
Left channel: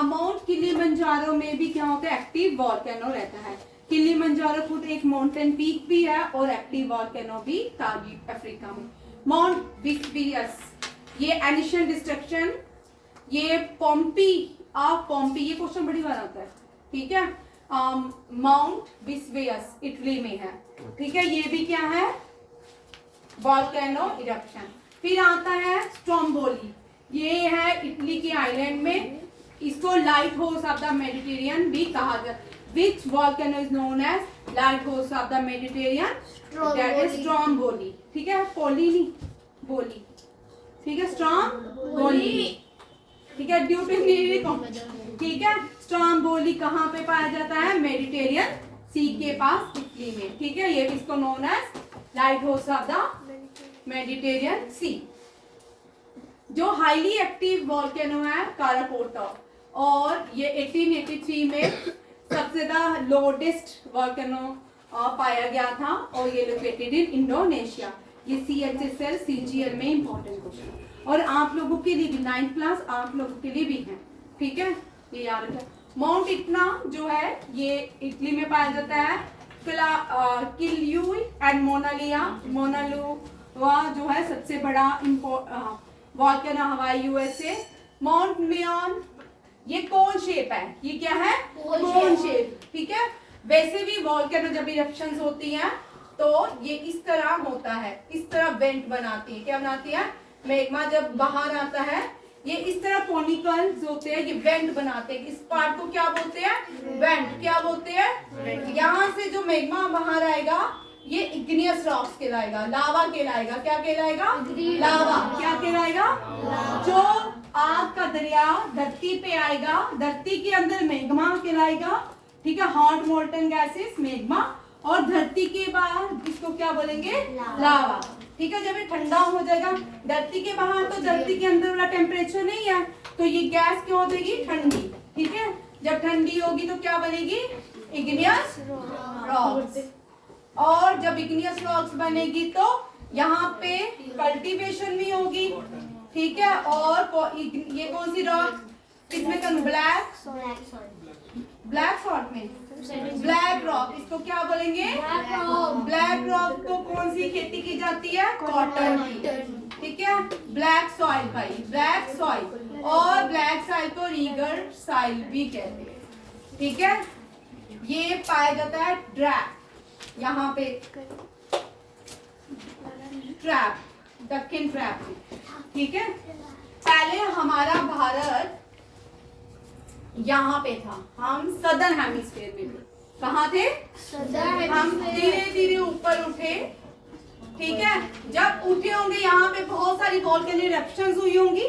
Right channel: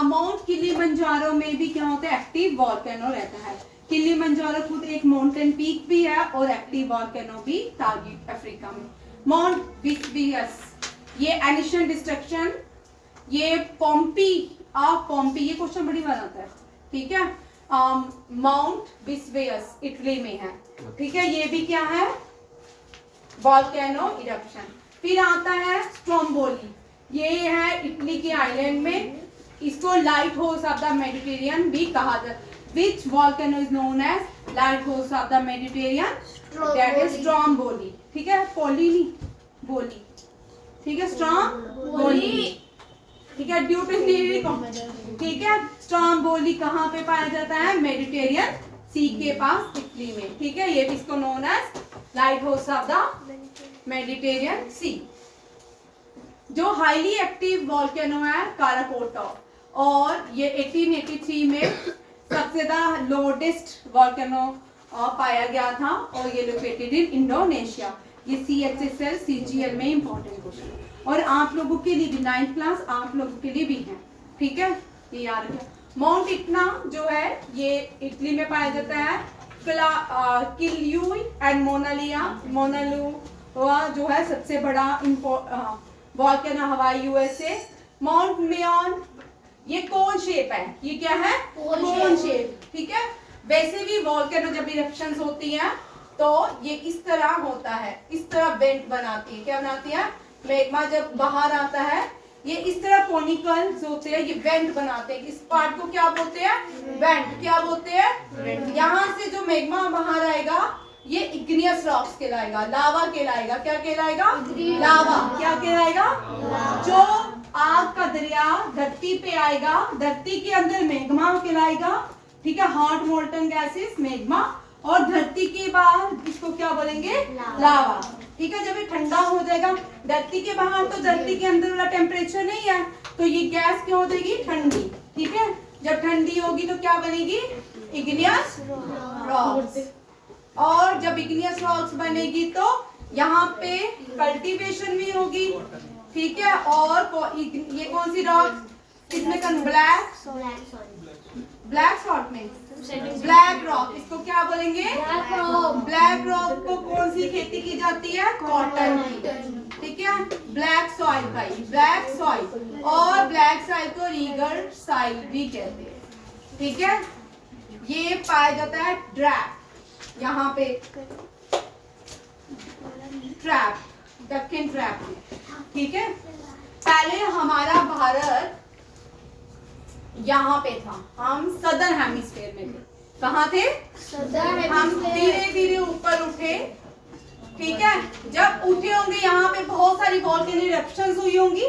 माउंट किलिमंजारो में भी क्या होता है? एक्टिव वॉल्केनो रहता है। किलिमंजारो खुद एक माउंटेन पीक भी है और एक्टिव वॉल्केनो भी था अफ्रीका में। माउंट वेसुवियस, ये एनिशियल डिस्ट्रक्शन, ये पोम्पी ये क्वेश्चन बड़ी बार आता है, ठीक है। माउंट वेसुवियस इटली में है, ठीक है। ये भी क्या है? Volcano eruption. फिर आता है स्ट्रोम्बोली, ये है इटली के आइलैंड में, इसको lighthouse of the Mediterranean भी कहा जाता है। Which volcano is known as lighthouse of the Mediterranean? That is Stromboli, ठीक है। पोली नहीं, बोली, ठीक है। स्ट्रोम्बोली, ठीक है, ड्यू टू, ठीक है। स्ट्रोम्बोली कहाँ पे पाया जाता है? मेडिटेरियन सी के पास इटली में, ठीक है। ये इसको known as lighthouse of the Mediterranean sea. जो हाईली एक्टिव वॉल्केनो है काराकोटा, और ये 1883 में सबसे ज्यादा लोडेस्ट वॉल्केनो पाया गया था, और ये लोकेटेड इन इंडोनेशिया। ये CHSL CGL में इंपॉर्टेंट क्वेश्चन, और आप लोगों के लिए भी 9th क्लास आप लोगों के लिए भी है, ठीक है, ये याद रखें। माउंट इटना जो है ये इटली में पाया जाता है। किल्यूई एंड मोनालू जो है सबसे बड़ा वॉल्केनो हवाई यूएसए। माउंट मेयॉन, ये कोन शेप है, ये क्या है? कोन शेप, ठीक है। वैसे भी वॉल्केनो जब इरप्शंस होती हैं तो ये इस तरह होता है, इस तरह वेंट बनाती है। क्या बनाती है? मैग्मा जब बाहर आता है ये इस तरह कॉनिकल्स होते हैं, ये वेंट बनाते हैं। इस पार्ट को क्या बोलते हैं? वेंट। क्या बोलते हैं? यहाँ से जो मैग्मा बाहर आएगा ये इग्नियस रॉक्स कहलाएगा, लावा कहलाएगा। क्या कहलाएगा? लावा। क्या कहलाएगा? जो आग का दरिया धरती पे आएगा, धरती के अंदर मैग्मा कहलाएगा, ठीक है। हॉट मोल्टन गैसेस मैग्मा, और धरती के बाहर इसको क्या बोलेंगे? लावा, ठीक है। जब ये ठंडा हो जाएगा, धरती के बाहर तो धरती के अंदर वाला टेम्परेचर नहीं है, तो ये गैस क्या हो जाएगी? ठंडी, ठीक है। जब ठंडी होगी तो क्या बनेगी? Igneous rocks. और जब इग्नियस रॉक्स बनेगी तो यहाँ पे कल्टीवेशन भी होगी, ठीक है। और ये कौन सी रॉक? किसमें? ब्लैक सॉल्ट में ब्लैक रॉक, इसको क्या बोलेंगे? ब्लैक रॉक को कौन सी खेती की जाती है? कॉटन की, ठीक है। ब्लैक सॉइल भाई, ब्लैक सॉइल, और ब्लैक सॉइल को रीगर सॉइल भी कहते हैं, ठीक है। ये पाया जाता है ड्रैप, यहाँ पे ट्रैप, दक्कन ट्रैप, ठीक है। पहले हमारा भारत यहाँ पे था, हम सदर्न हेमिस्फीयर में थे। कहाँ थे? हम धीरे धीरे ऊपर उठे, ठीक है। जब उठे होंगे यहाँ पे बहुत सारी वॉल्केनिक इरप्शंस हुई होंगी,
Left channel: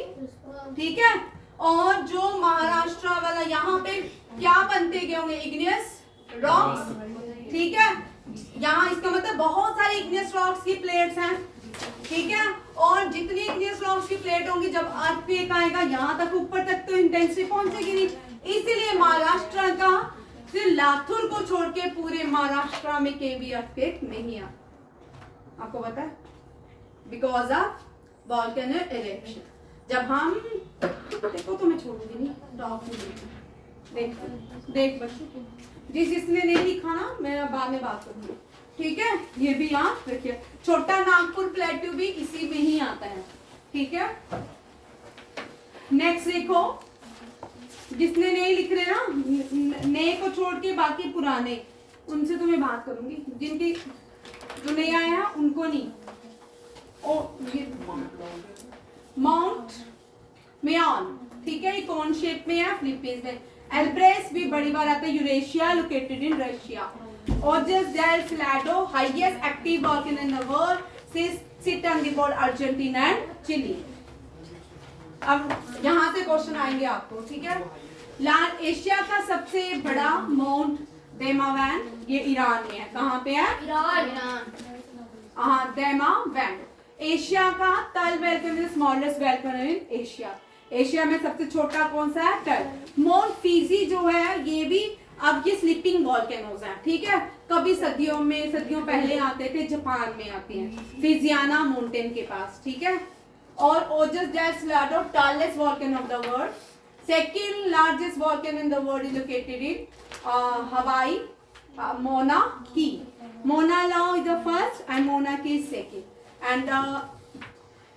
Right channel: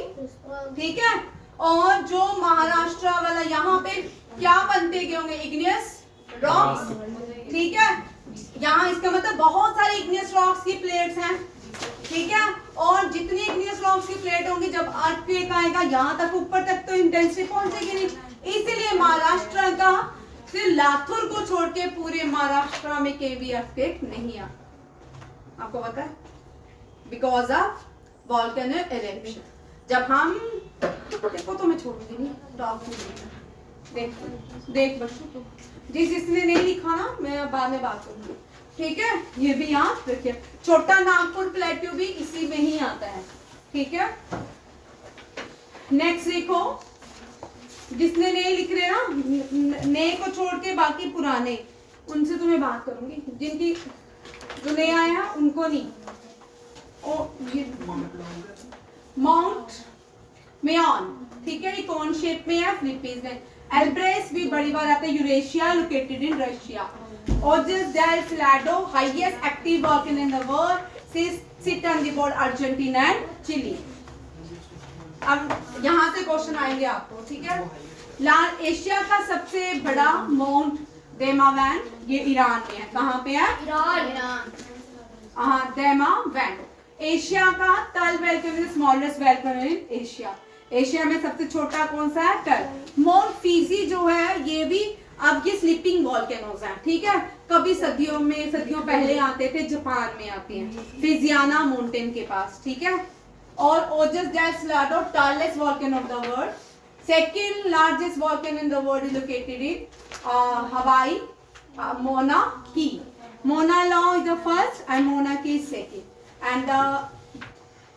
ठीक है। और जो महाराष्ट्र वाला यहाँ पे क्या बनते गए होंगे? इग्नियस रॉक्स, ठीक है। यहाँ इसका मतलब बहुत सारी इग्नियस रॉक्स की प्लेट्स हैं, ठीक है। और जितनी इग्नियस रॉक्स की प्लेट होंगी, जब अर्थक्वेक आएगा यहाँ तक ऊपर तक तो इंटेंसिटी पहुंचेगी नहीं, इसलिए महाराष्ट्र का सिर्फ लाथुर को छोड़ के पूरे महाराष्ट्र में कहीं भी अर्थक्वेक नहीं आया। आपको पता है? Because of volcano eruption. जब हम देखो तो मैं छोड़ूंगी नहीं, देख बच्चों, जिसने नहीं लिखा ना मैं बाद में बात करूंगी, ठीक है। ये भी याद रखिए। छोटा नागपुर प्लेट्यू भी इसी में ही आता है, ठीक है। नेक्स्ट देखो, जिसने नहीं लिख रहे ना, नए को छोड़ के बाकी पुराने, उनसे तो मैं बात करूंगी, जिनकी जो नए आए हैं उनको नहीं। माउंट मेयॉन, ठीक है, ये कौन शेप में है, फिलीपींस में। एल्ब्रेस भी बड़ी बार आता है, Eurasia, located in Russia. Ojos del Salado, highest active volcano in the world, sit on the border Argentina and Chile. अब यहाँ से क्वेश्चन आएंगे आपको, ठीक है। एशिया का सबसे बड़ा माउंट देमावैन, ये ईरान में है। कहाँ पे है? ईरान। हाँ, देमावैन। एशिया का तल volcano, smallest volcano in Asia. Asia में सबसे छोटा कौन सा है? तल। माउंट फीजी जो है ये भी, अब ये स्लीपिंग वोल्केनोज हैं, ठीक है। कभी सदियों पहले आते थे, जापान में आती हैं, फिजियाना माउंटेन के पास, ठीक है। और Ojos del Salado, tallest volcano of the world. Second largest volcano in the world is located in Hawaii, Mauna Kea. Mauna Loa is the first and Mauna Kea is second. And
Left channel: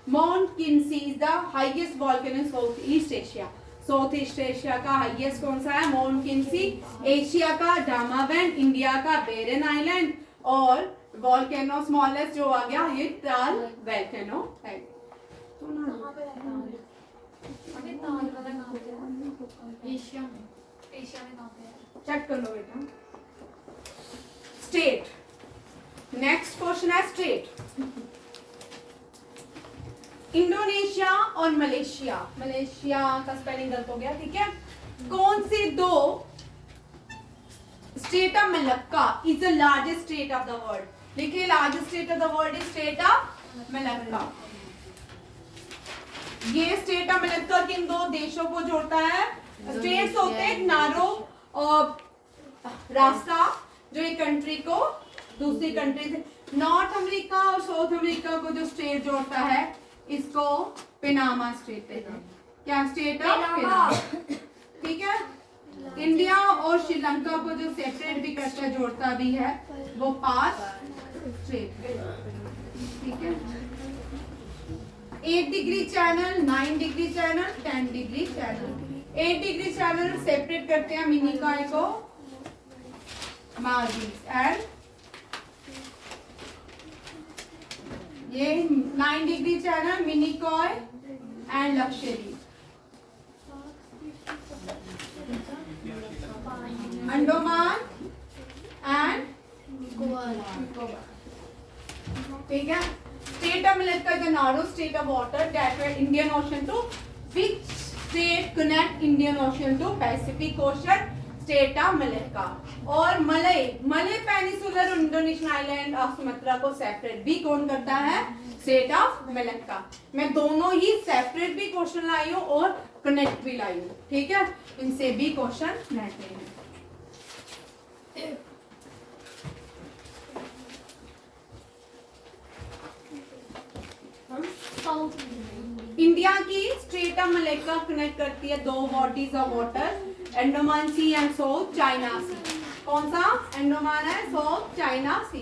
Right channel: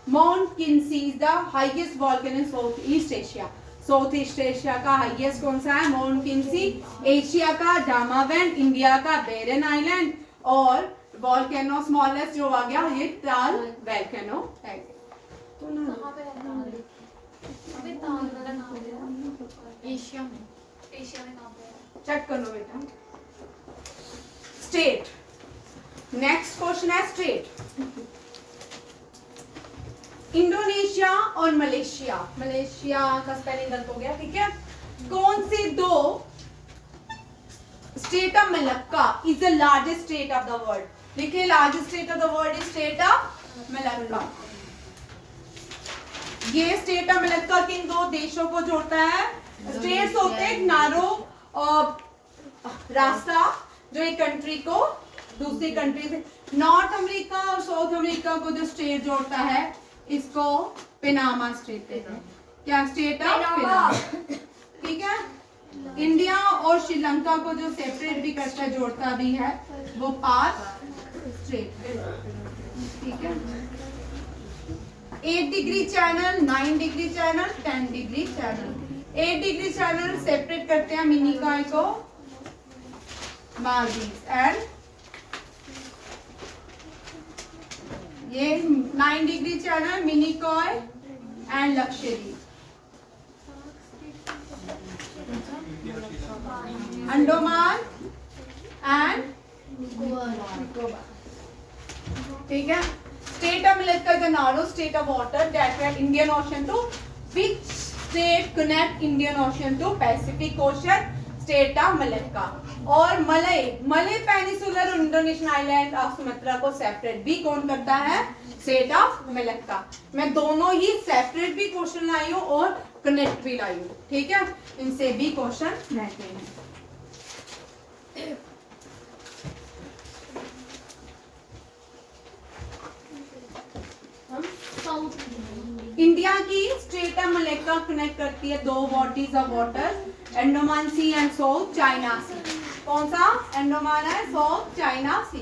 Mount Kinsi is the highest volcano in Southeast Asia. Southeast Asia का highest कौन सा है? Mount Kinsi. Asia का दामावैन, India का बेरन island, और volcano smallest जो आ गया ये ताल volcano है। तो ना एशिया में कहाँ पे है? चेक कर लो बेटा। स्टेट, नेक्स्ट क्वेश्चन है स्टेट। इंडोनेशिया और मलेशिया, मलेशिया का स्पेलिंग गलत हो गया, ठीक है। कौन सी दो state of Malacca is the largest state of the world? देखिए, largest state of the world is state of Malacca. ये स्टेट ऑफ मलक्का किन दो देशों को जोड़ता है? स्टेट्स होते हैं नारो रास्ता जो एक कंट्री को दूसरी कंट्री से, नॉर्थ अमेरिका और साउथ अमेरिका को जो स्टेट जोड़ता है इसको पनामा स्टेट कहते हैं। क्या स्टेट ऑफ पनामा, ठीक है। इंडिया और श्रीलंका को जो सेपरेट भी करता है, जोड़ता भी है, वो पाक स्टेट, ठीक है। 8 degree channel, 9 degree channel, 10 degree channel. 8 degree channel separate करते हैं मिनिकॉय को मालदीव, एंड ये 9 degree channel Minicoy and Lakshadweep, Andaman and Nicobar, ठीक है। State of Malacca is a narrow state of water that connect Indian Ocean to, which state connect Indian Ocean to Pacific Ocean? State of Malacca. और Malay peninsular Indonesian island of Sumatra को separate भी कौन करता है? State of Malacca. मैं दोनों ही separate भी question लाई हूँ और कनेक्ट भी लाई हूँ, ठीक है। इनसे भी क्वेश्चन रहते हैं। इंडिया की स्टेट ऑफ मलक्का कनेक्ट करती है दो bodies of water, Andaman sea and south China sea. कौन सा? अंडमान है, south China sea.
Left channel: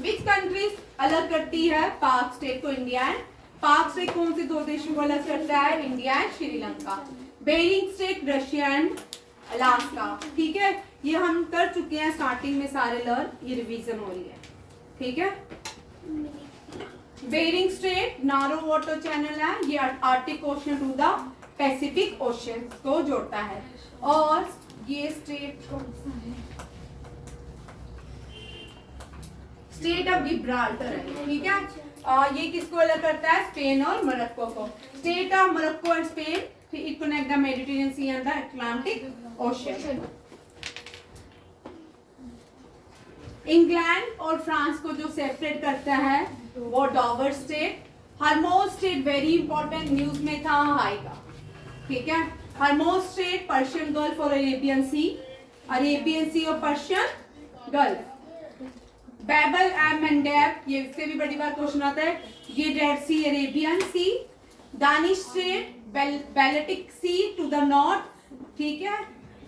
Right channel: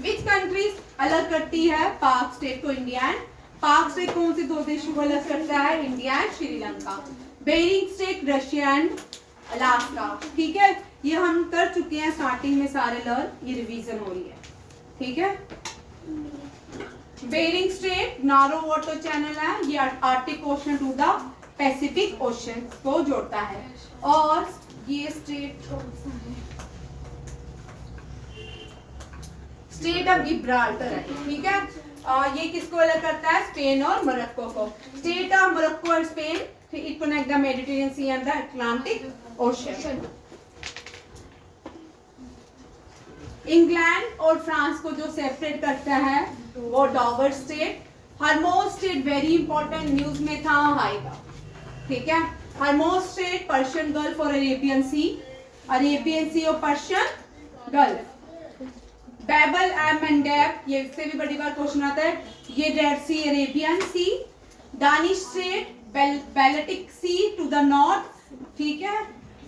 Which countries अलग करती है पाक स्टेट को? इंडिया एंड पाक स्टेट कौन से दो देशों को अलग करता है? India and Sri Lanka. Bering strait Russia and Alaska, ठीक है। ये हम कर चुके हैं स्टार्टिंग में सारे लर्न, ये रिवीजन हो रही है, ठीक है। Bering strait narrow water channel है, ये Arctic Ocean to the Pacific Ocean को जोड़ता है। और ये स्टेट कौन सा है? स्टेट ऑफ गिब्राल्टर है, ठीक है। ये किसको अलग करता है? स्पेन और मोरक्को को। State of Morocco and Spain, it connect the Mediterranean sea and the Atlantic ocean. England और फ्रांस को जो सेपरेट करता है वो Dover state. Hormuz state very important, news में था, आएगा, ठीक है। हरमोज स्टेट पर्शियन गल्फ और अरेबियन सी, अरेबियन सी और Persian gulf. Babel and Mandeb, ये इससे भी बड़ी बात क्वेश्चन आता है, ये red sea Arabian sea. Danish strait Baltic C to the north, ठीक है।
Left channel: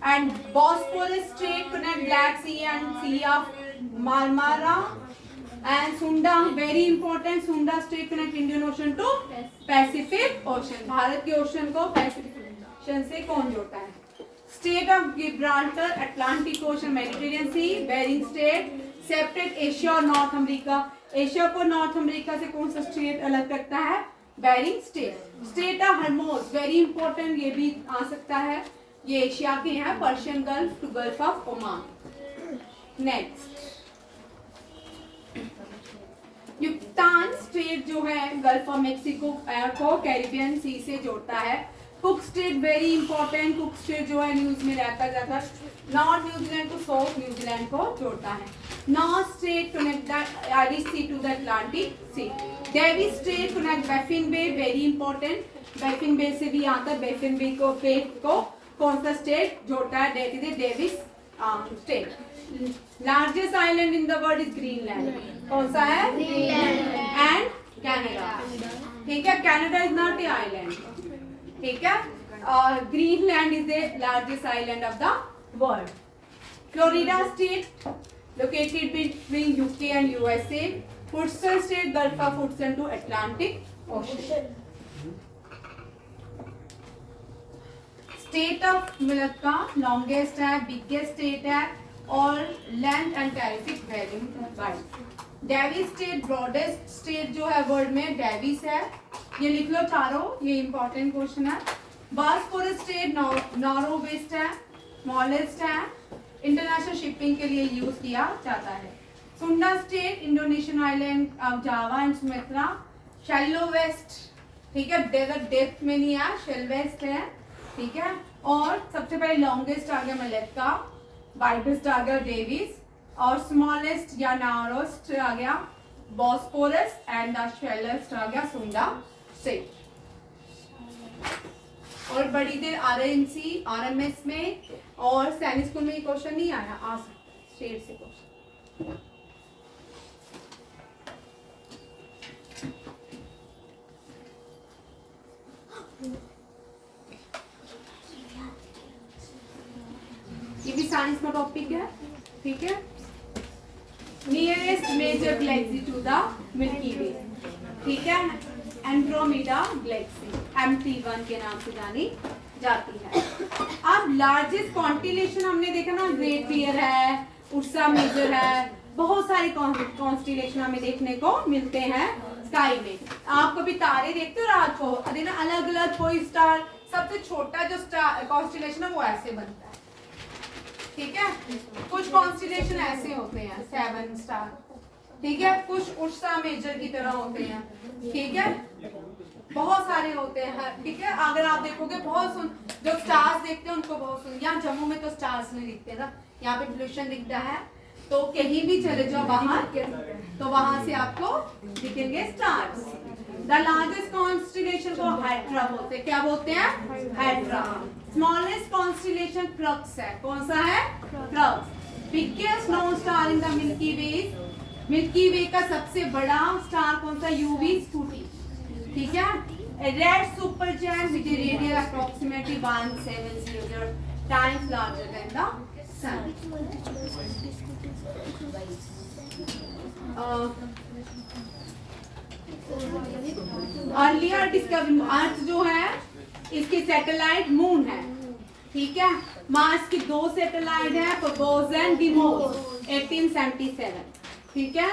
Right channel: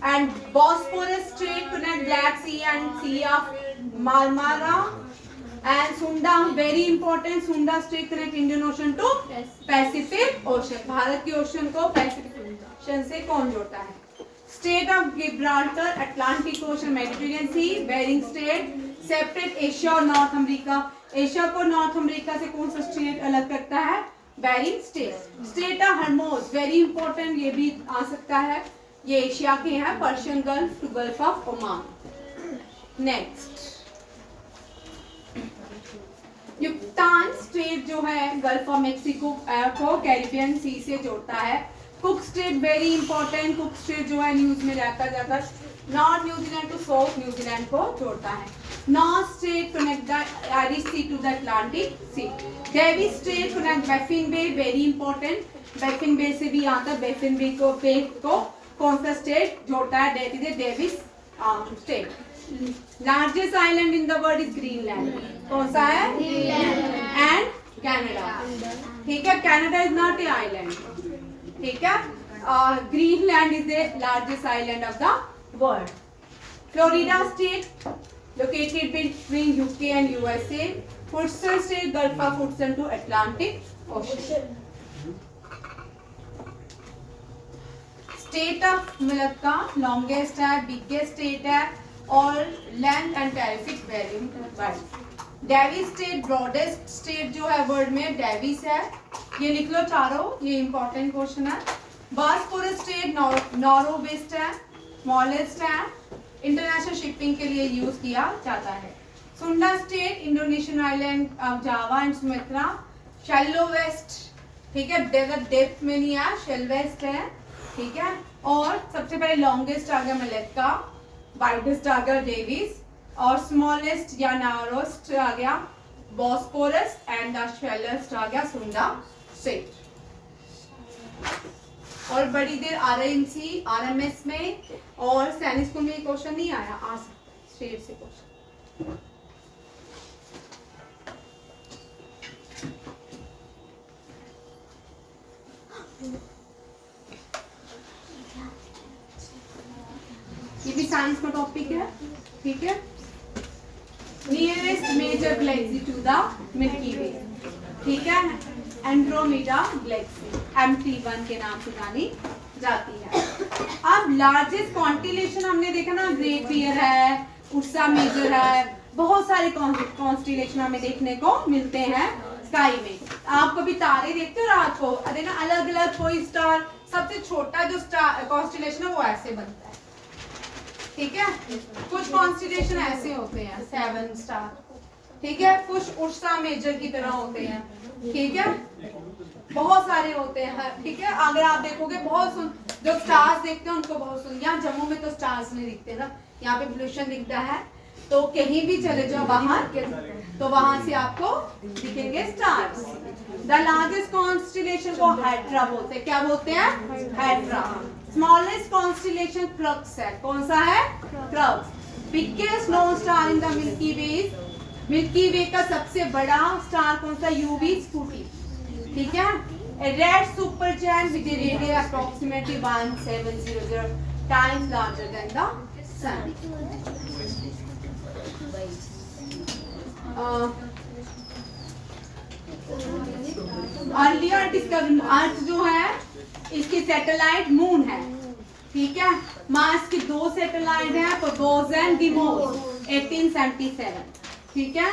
And Bosphorus strait connect black sea and sea of Marmara. And Sunda very important, Sunda strait connect Indian ocean to Pacific ocean. Bharat के ocean को Pacific ocean से कौन जोड़ता है? State of Gibraltar Atlantic ocean Mediterranean sea. Bering state separate Asia और north America. Asia को north America से कौन सा स्टेट अलग करता है? Bering state. State of Hormuz very important, ये भी आ सकता है। ये एशिया के हैं, Persian gulf to gulf of Oman. Next युक्तान state जो है गल्फ ऑफ मेक्सिको को कैरिबियन सी से जोड़ता है। Cook state very important, cook state जो है न्यूज में रहता जाता north New Zealand to south New Zealand को जोड़ता है। North state connect the Irish C to the Atlantic C. Davis state connect Baffin bay, very important, Baffin बे से भी आता है। बैफिन बे को कौन सा स्टेट जोड़ता है? That is Davis state. Largest island in the world is Greenland, कौन सा है? एंड कनाडा, ठीक है। Canada is not a island, ठीक है। Greenland is the largest island of the world. Florida state located between UK and USA. Hudson State, Gulf of Hudson to Atlantic Ocean. State of Malacca longest है, biggest state है और land and terrific very wide. Davis State broadest state जो है world में Davis है, ये लिख लो चारों, ये important क्वेश्चन है। बॉस्फोरस स्टेट नॉरो वेस्ट है, स्मॉलेस्ट है, इंटरनेशनल शिपिंग के लिए यूज किया जाता है। Sunda state Indonesian island of Java and Sumatra, shallowest, ठीक है, डेजर्ट डेप्थ में नहीं है, शेल वेस्ट है, ठीक है। और सबसे पहले लॉन्गेस्ट आ गया मलक्का, वाइडेस्ट आ गया डेविस और स्मॉलेस्ट या नारोस्ट आ गया बॉस्फोरस एंड द शेलेस्ट आ गया सुंडा स्टेट। और बड़ी देर आरएमसी आरएमएस में और सैनिक स्कूल में क्वेश्चन नहीं आया, आ सकता है स्टेट से क्वेश्चन। ये भी साइंस का टॉपिक है, ठीक है। Nearest major galaxy to the Milky way, ठीक है, एंड्रोमेडा गैलेक्सी MT1 के नाम से जानी जाती है। अब लार्जेस्ट कॉन्स्टेलेशन हमने देखा ना, ग्रेट बियर है, उर्सा मेजर है, बहुत सारे कॉन्स्टेलेशन हमें देखने को मिलते हैं स्काई में। आप कभी तारे देखते हो रात को? अरे ना, अलग अलग कोई स्टार, सबसे छोटा जो स्टार कॉन्स्टेलेशन है वो ऐसे बनता है, ठीक है। कुछ कॉन्स्टेलेशन ऐसे होते हैं 7 स्टार, ठीक है, कुछ उर्सा मेजर की तरह होते हैं, ठीक है, बहुत सारे होते हैं, ठीक है। अगर आप देखोगे बहुत जो स्टार्स देखते हैं उनको बहुत सुन, यहाँ जम्मू में तो स्टार्स नहीं दिखते ना, यहाँ पे पोल्यूशन दिखता है, तो कहीं भी चले जाओ बाहर तो वहां से आपको दिखेंगे स्टार्स। द लार्जेस्ट कॉन्स्टेलेशन को हाइड्रा बोलते हैं, क्या बोलते हैं? हाइड्रा। स्मॉलेस्ट कॉन्स्टेलेशन क्रक्स है, कौन सा है? Crux. Biggest known star in the Milky way, Milky way का सबसे बड़ा स्टार कौन सा? UV स्कूटी, ठीक है। Red super giant with radius approximately 1700 times larger than the sun. Earlier discovery, Earth जो है इसकी सैटेलाइट मून है, ठीक है। मार्स की 2 सैटेलाइट है, तो दोज एंड डिमोस 1877, ठीक है।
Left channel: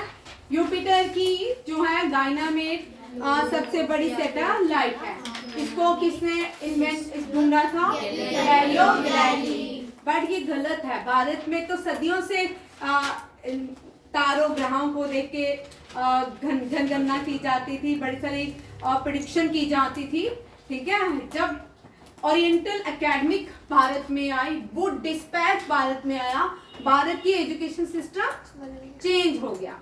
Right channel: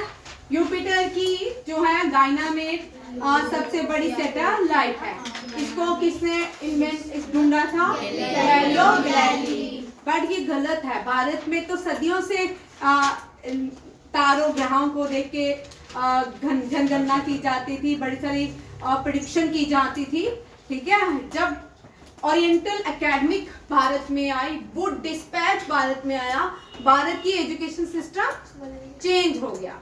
यूपिटर की जो है गाइनामेड सबसे बड़ी सैटेलाइट है, इसको किसने इन्वेंट ढूंढा था? Galileo Galilei. बट ये गलत है, भारत में तो सदियों से तारों ग्रहों को देख के जनगणना की जाती थी, बड़ी सारी प्रेडिक्शन की जाती थी, ठीक है। जब ओरिएंटल एकेडमिक भारत में आई, वुड डिस्पैच भारत में आया, भारत की एजुकेशन सिस्टम चेंज हो गया,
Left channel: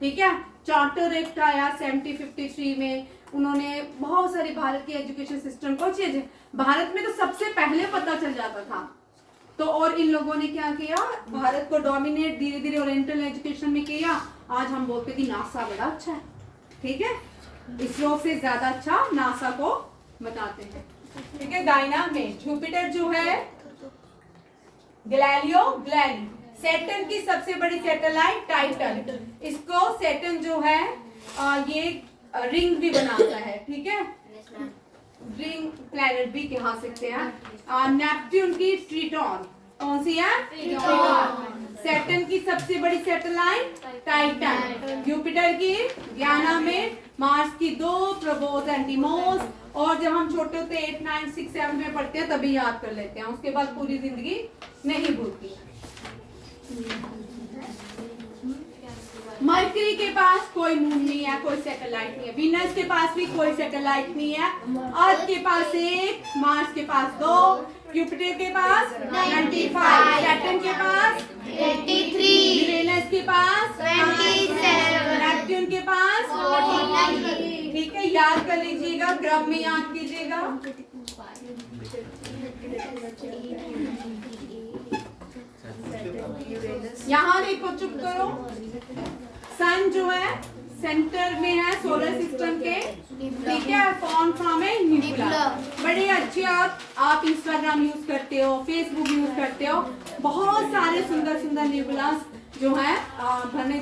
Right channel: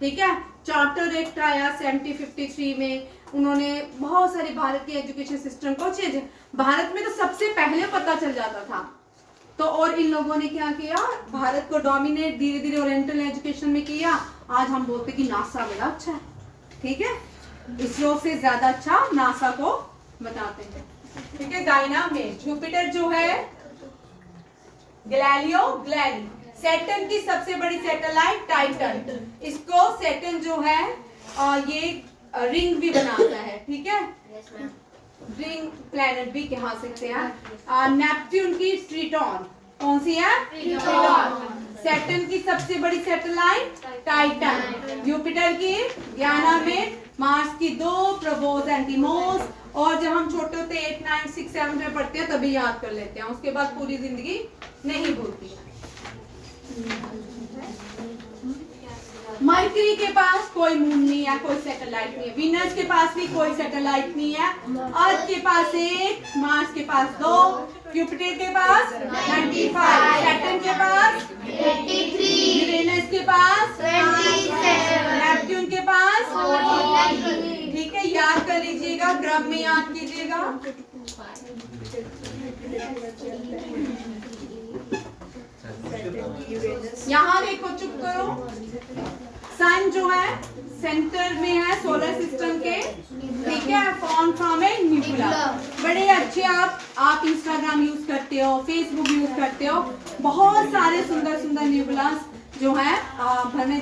ठीक है। चार्टर एक्ट आया 1753 में, उन्होंने बहुत सारे भारत की एजुकेशन सिस्टम को चेंज, भारत में तो सबसे पहले पता चल जाता था, तो और इन लोगों ने क्या किया? भारत को डोमिनेट धीरे धीरे ओरिएंटल एजुकेशन में किया। आज हम बोलते कि नासा बड़ा अच्छा है, ठीक है, इसरो से ज्यादा अच्छा नासा को बताते हैं, ठीक है। गाइनामेड, जुपिटर जो है गैलीलियो गैलीली, सैटर्न की सबसे बड़ी सैटेलाइट टाइटन, इसको सैटर्न जो है ये रिंग भी बनाता है, ठीक है, रिंग प्लैनेट भी कहा सकते हैं। नेपट्यून की ट्रिटॉन, कौन सी है? ट्रिटॉन। सैटर्न की सबसे बड़ी सैटेलाइट टाइटन, जुपिटर की गयानामेड, मार्स की 2 प्रोबोस एंड डिमोस। और जब हम छोटे होते 8, 9, 6, 7 में पढ़ते हैं तभी याद कर लेते हैं, उसके बाद पूरी जिंदगी नहीं भूलती। मरकरी के पास कोई मून नहीं है, कोई सैटेलाइट नहीं है। वीनस के पास भी कोई सैटेलाइट नहीं है। अर्थ के पास 1, मार्स के पास 2, जुपिटर के पास 95, सैटर्न के पास 83, यूरेनस के पास 27, नेपट्यून के पास 49, ठीक है, याद कर लीजिएगा, क्रम में याद कीजिएगा। यहाँ देखो, चुप करो। सन जो है सेंटर में है सोलर सिस्टम के, ठीक है, फॉर्म फ्रॉम ए न्यूक्लिया। बड़े अच्छे आप इंस्टाग्राम यूज करते हो, फेसबुक यूज करते हो, बहुत सारे सुंदर सुंदर न्यूक्लियस जो है घर में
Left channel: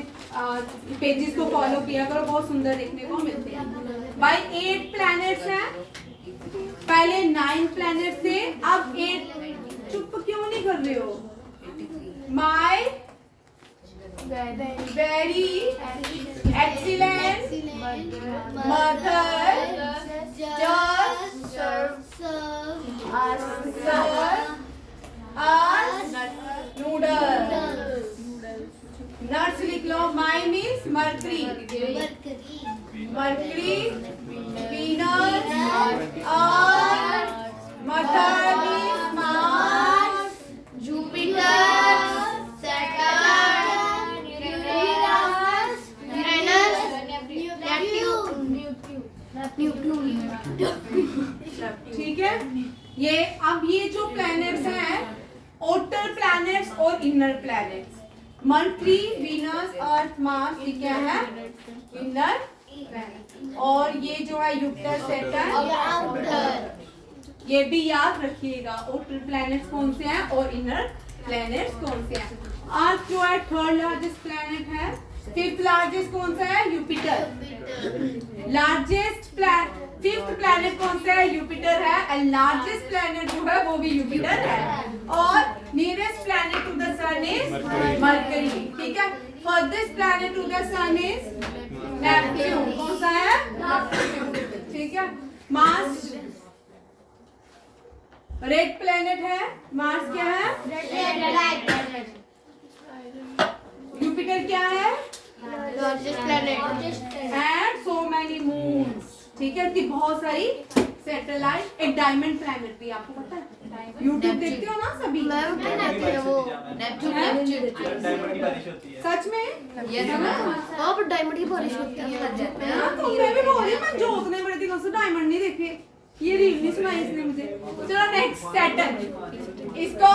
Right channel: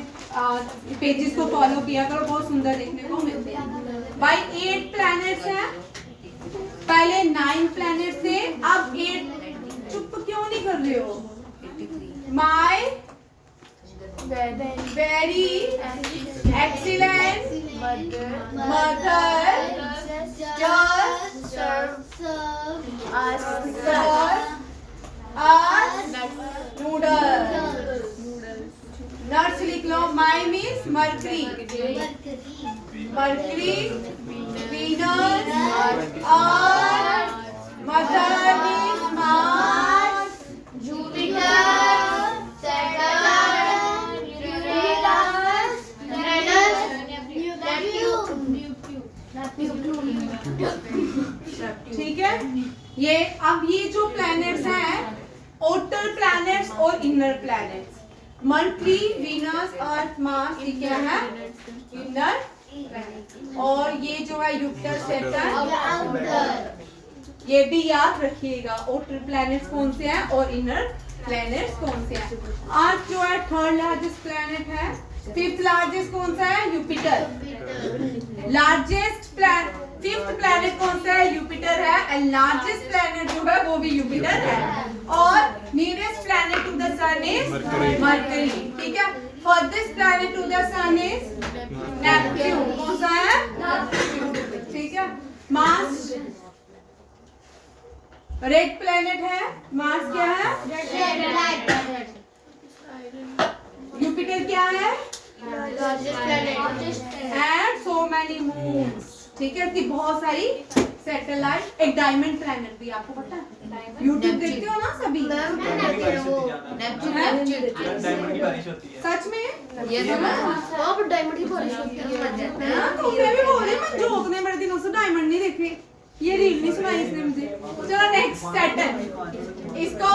पेजेस को फॉलो किया करो, बहुत सुंदर देखने को मिलते हैं। भाई 8 प्लैनेट्स हैं, पहले 9 प्लैनेट थे, अब 8। चुप क्यों नहीं कर रहे हो? My very excellent mother nuts लिख लो। My means Mercury, Venus, Earth, mother means Mars, Jupiter, Saturn, Uranus, ठीक है। ये अब ये जो प्लैनेट्स हैं, आउटर प्लैनेट्स और inner planets. Mercury, Venus, Earth, Mars, ये क्या है? इनर। और ये जो है जुपिटर, सैटर्न, ये भी याद रखिएगा, आउटर प्लैनेट्स कौन से हैं और इनर प्लैनेट्स कौन से हैं। अर्थ जो है 3rd लार्जेस्ट प्लैनेट है। 5th लार्जेस्ट कौन सा है? Jupiter. Largest planet 5th planet कौन सा है? जुपिटर है। एंड लार्जेस्ट प्लैनेट जो है वो भी जुपिटर है। और nearest planet to the sun is Mercury, ठीक है। Furthest planet to the sun is Neptune, कौन सा है? ठीक है। मार्स रेड प्लैनेट है, मार्स क्या है? जुपिटर क्या है? एंड सो मैनी मून्स, ठीक है। इसकी बहुत सारी सैटेलाइट। एक डायमंड प्लैनेट भी, आपको पता है? यूट्यूब देखते हो ना सभी? डायमंड की बारिश होती है। सच में? ये डायमंड की बारिश होती है। हाँ, तो मैं भी बोल रही हूँ, मैं जोत ने बड़े दिनों से डायमंड नहीं देखे, ये रील नहीं सुनाई इसने मुझे। चलो नेक्स्ट, सैटर्न। इसको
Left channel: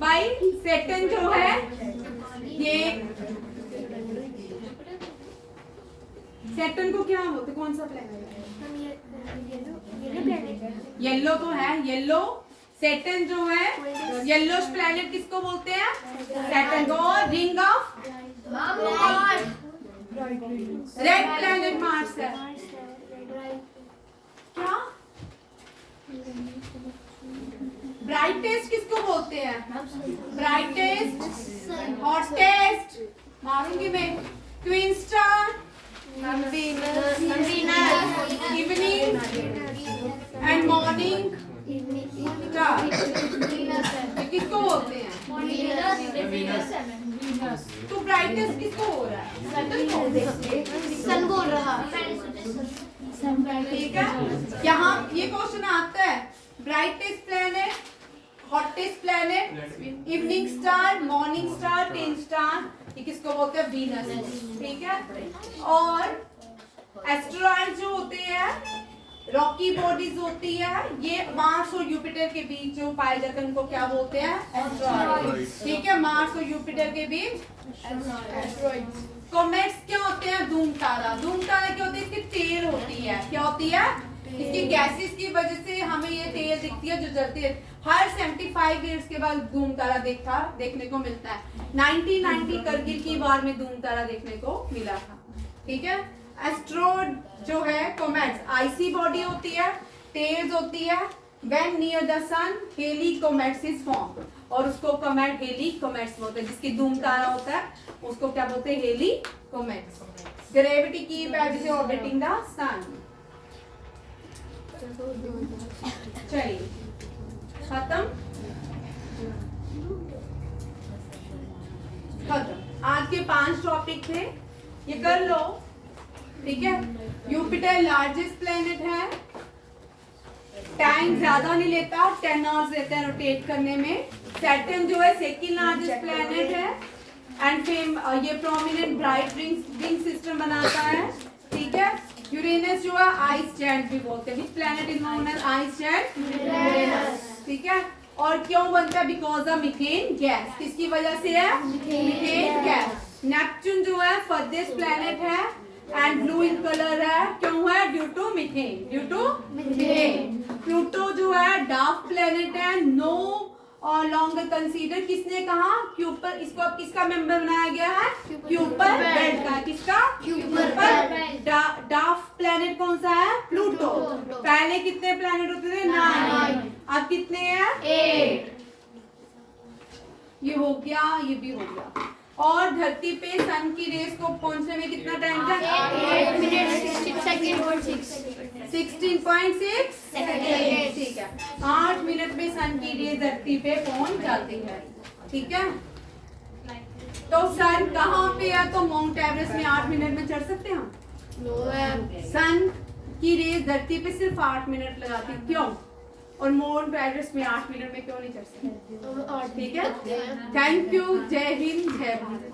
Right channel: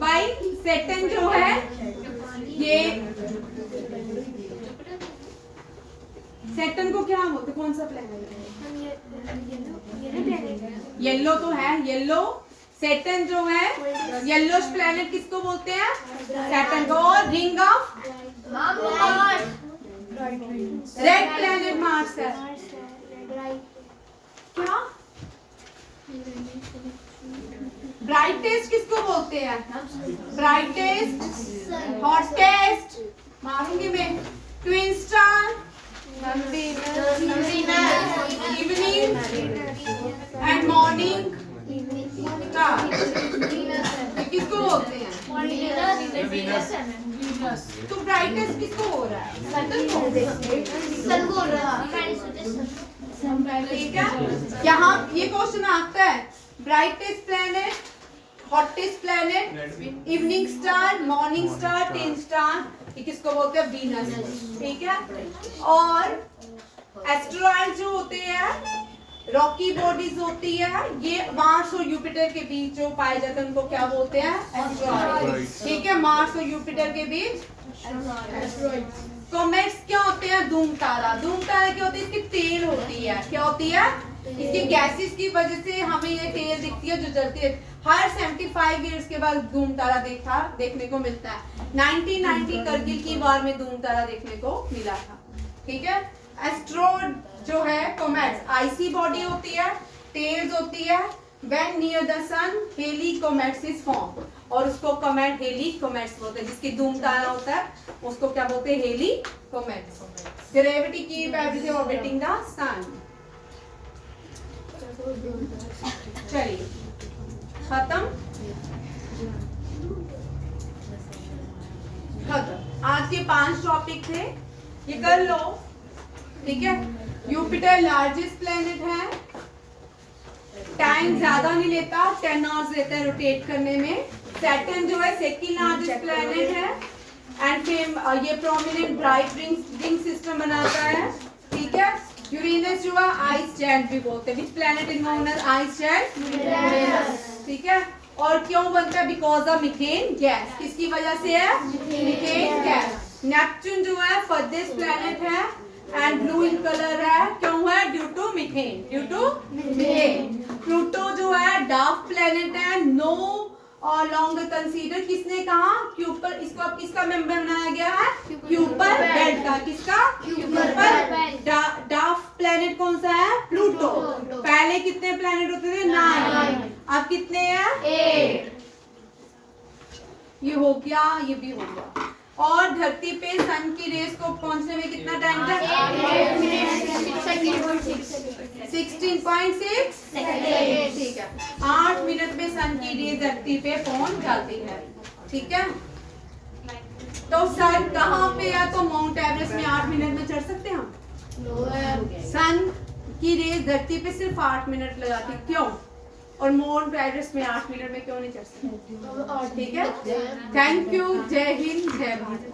भाई सैटर्न जो है ये सैटर्न को क्या बोलते, कौन सा प्लैनेट है? येलो तो है, येलो। सैटर्न जो है येलोश प्लैनेट किसको बोलते हैं? सैटर्न को। और ring of red planet Mars है। क्या? ब्राइटेस्ट किसको बोलते हैं? ब्राइटेस्ट, हॉटेस्ट, मारूंगी मैं। Twin star, evening and morning star, किसको बोलते हैं? तो ब्राइटेस्ट किसको हो रहा है? सन बोल रहा है। ठीक है। यहाँ ये क्वेश्चन आता है, brightest planet, hottest planet, evening star, morning star, twin star, ये किसको बोलते हैं? वीनस, ठीक है। और एस्टेरॉइड जो होते हैं, रॉकी बॉडीज होती है, ये मार्स और जुपिटर के बीच जो पाए जाते हैं उनको क्या बोलते हैं? एस्टेरॉइड, ठीक है। मार्स और जुपिटर के बीच एस्टेरॉइड्स। कॉमेट्स क्या होते हैं? धूम तारा। धूम तारा क्या होती है? इसकी टेल होती है। क्या होती है? इसकी गैसेस की वजह से हमें ये टेल दिखती है जो जलती है। हर 75 ईयर्स के बाद धूम तारा देखने को मिलता है। 1990 करगिल की वार में धूम तारा देखने को मिला था, ठीक है। एस्ट्रोइड जो है कॉमेट्स, आईसी बॉडी होती है, टेल्स होती है, when near the sun Halley comets is form, और उसको कॉमेट हेली कॉमेट्स बोलते हैं, जिसकी धूम तारा होता है उसको क्या बोलते हैं, Halley comets. Gravity keep everything orbiting the sun. चलिए खत्म। आज के 5 टॉपिक थे, ये कर लो, ठीक है। यूपिटर लार्जेस्ट प्लेनेट है, टाइम ज्यादा नहीं लेता, 10 आवर्स लेता है रोटेट करने में। सैटर्न जो है सेकंड लार्जेस्ट प्लेनेट है, एंड ये प्रोमिनेंट ब्राइट रिंग सिस्टम बनाता है, ठीक है। यूरेनस जो है आइस जायंट भी बोलते हैं, which planet is known as ice giant, Uranus, ठीक है। और क्यों बनता है, बिकॉज ऑफ मीथेन गैस, किसकी वजह से है, मीथेन गैस। नेपच्यून जो है फर्देस्ट प्लेनेट है एंड ब्लू इन कलर है, क्यों है, due to methane, due to methane. Pluto जो है डार्क प्लेनेट है, नो और लॉन्गर कंसीडर, किसने कहा, क्यूपर, इसको अब किसका मेंबर बनाया गया है, क्यूपर बेल्ट का, किसका, क्यूपर। डार्क प्लेनेट कौन सा है, प्लूटो। पहले कितने प्लेनेट होते थे, 9, अब कितने हैं, 8। ये हो गया, ये भी हो गया। और धरती पे सन की रेस को पहुंचने में कितना टाइम था, 16.6 सेकेंड, ठीक है। 8 मिनट में सन की रेस धरती पे पहुंच जाती है, ठीक है। तो सन कहाँ पे है, तो माउंट एवरेस्ट में 8 मिनट में चढ़ सकते हैं हम। सन की रेस धरती पे सिर्फ 8 मिनट लगाती, क्यों, और माउंट एवरेस्ट में 8 मिनट में क्यों नहीं चढ़ सकते, ठीक है। थैंक यू, जय हिंद, जय भारत।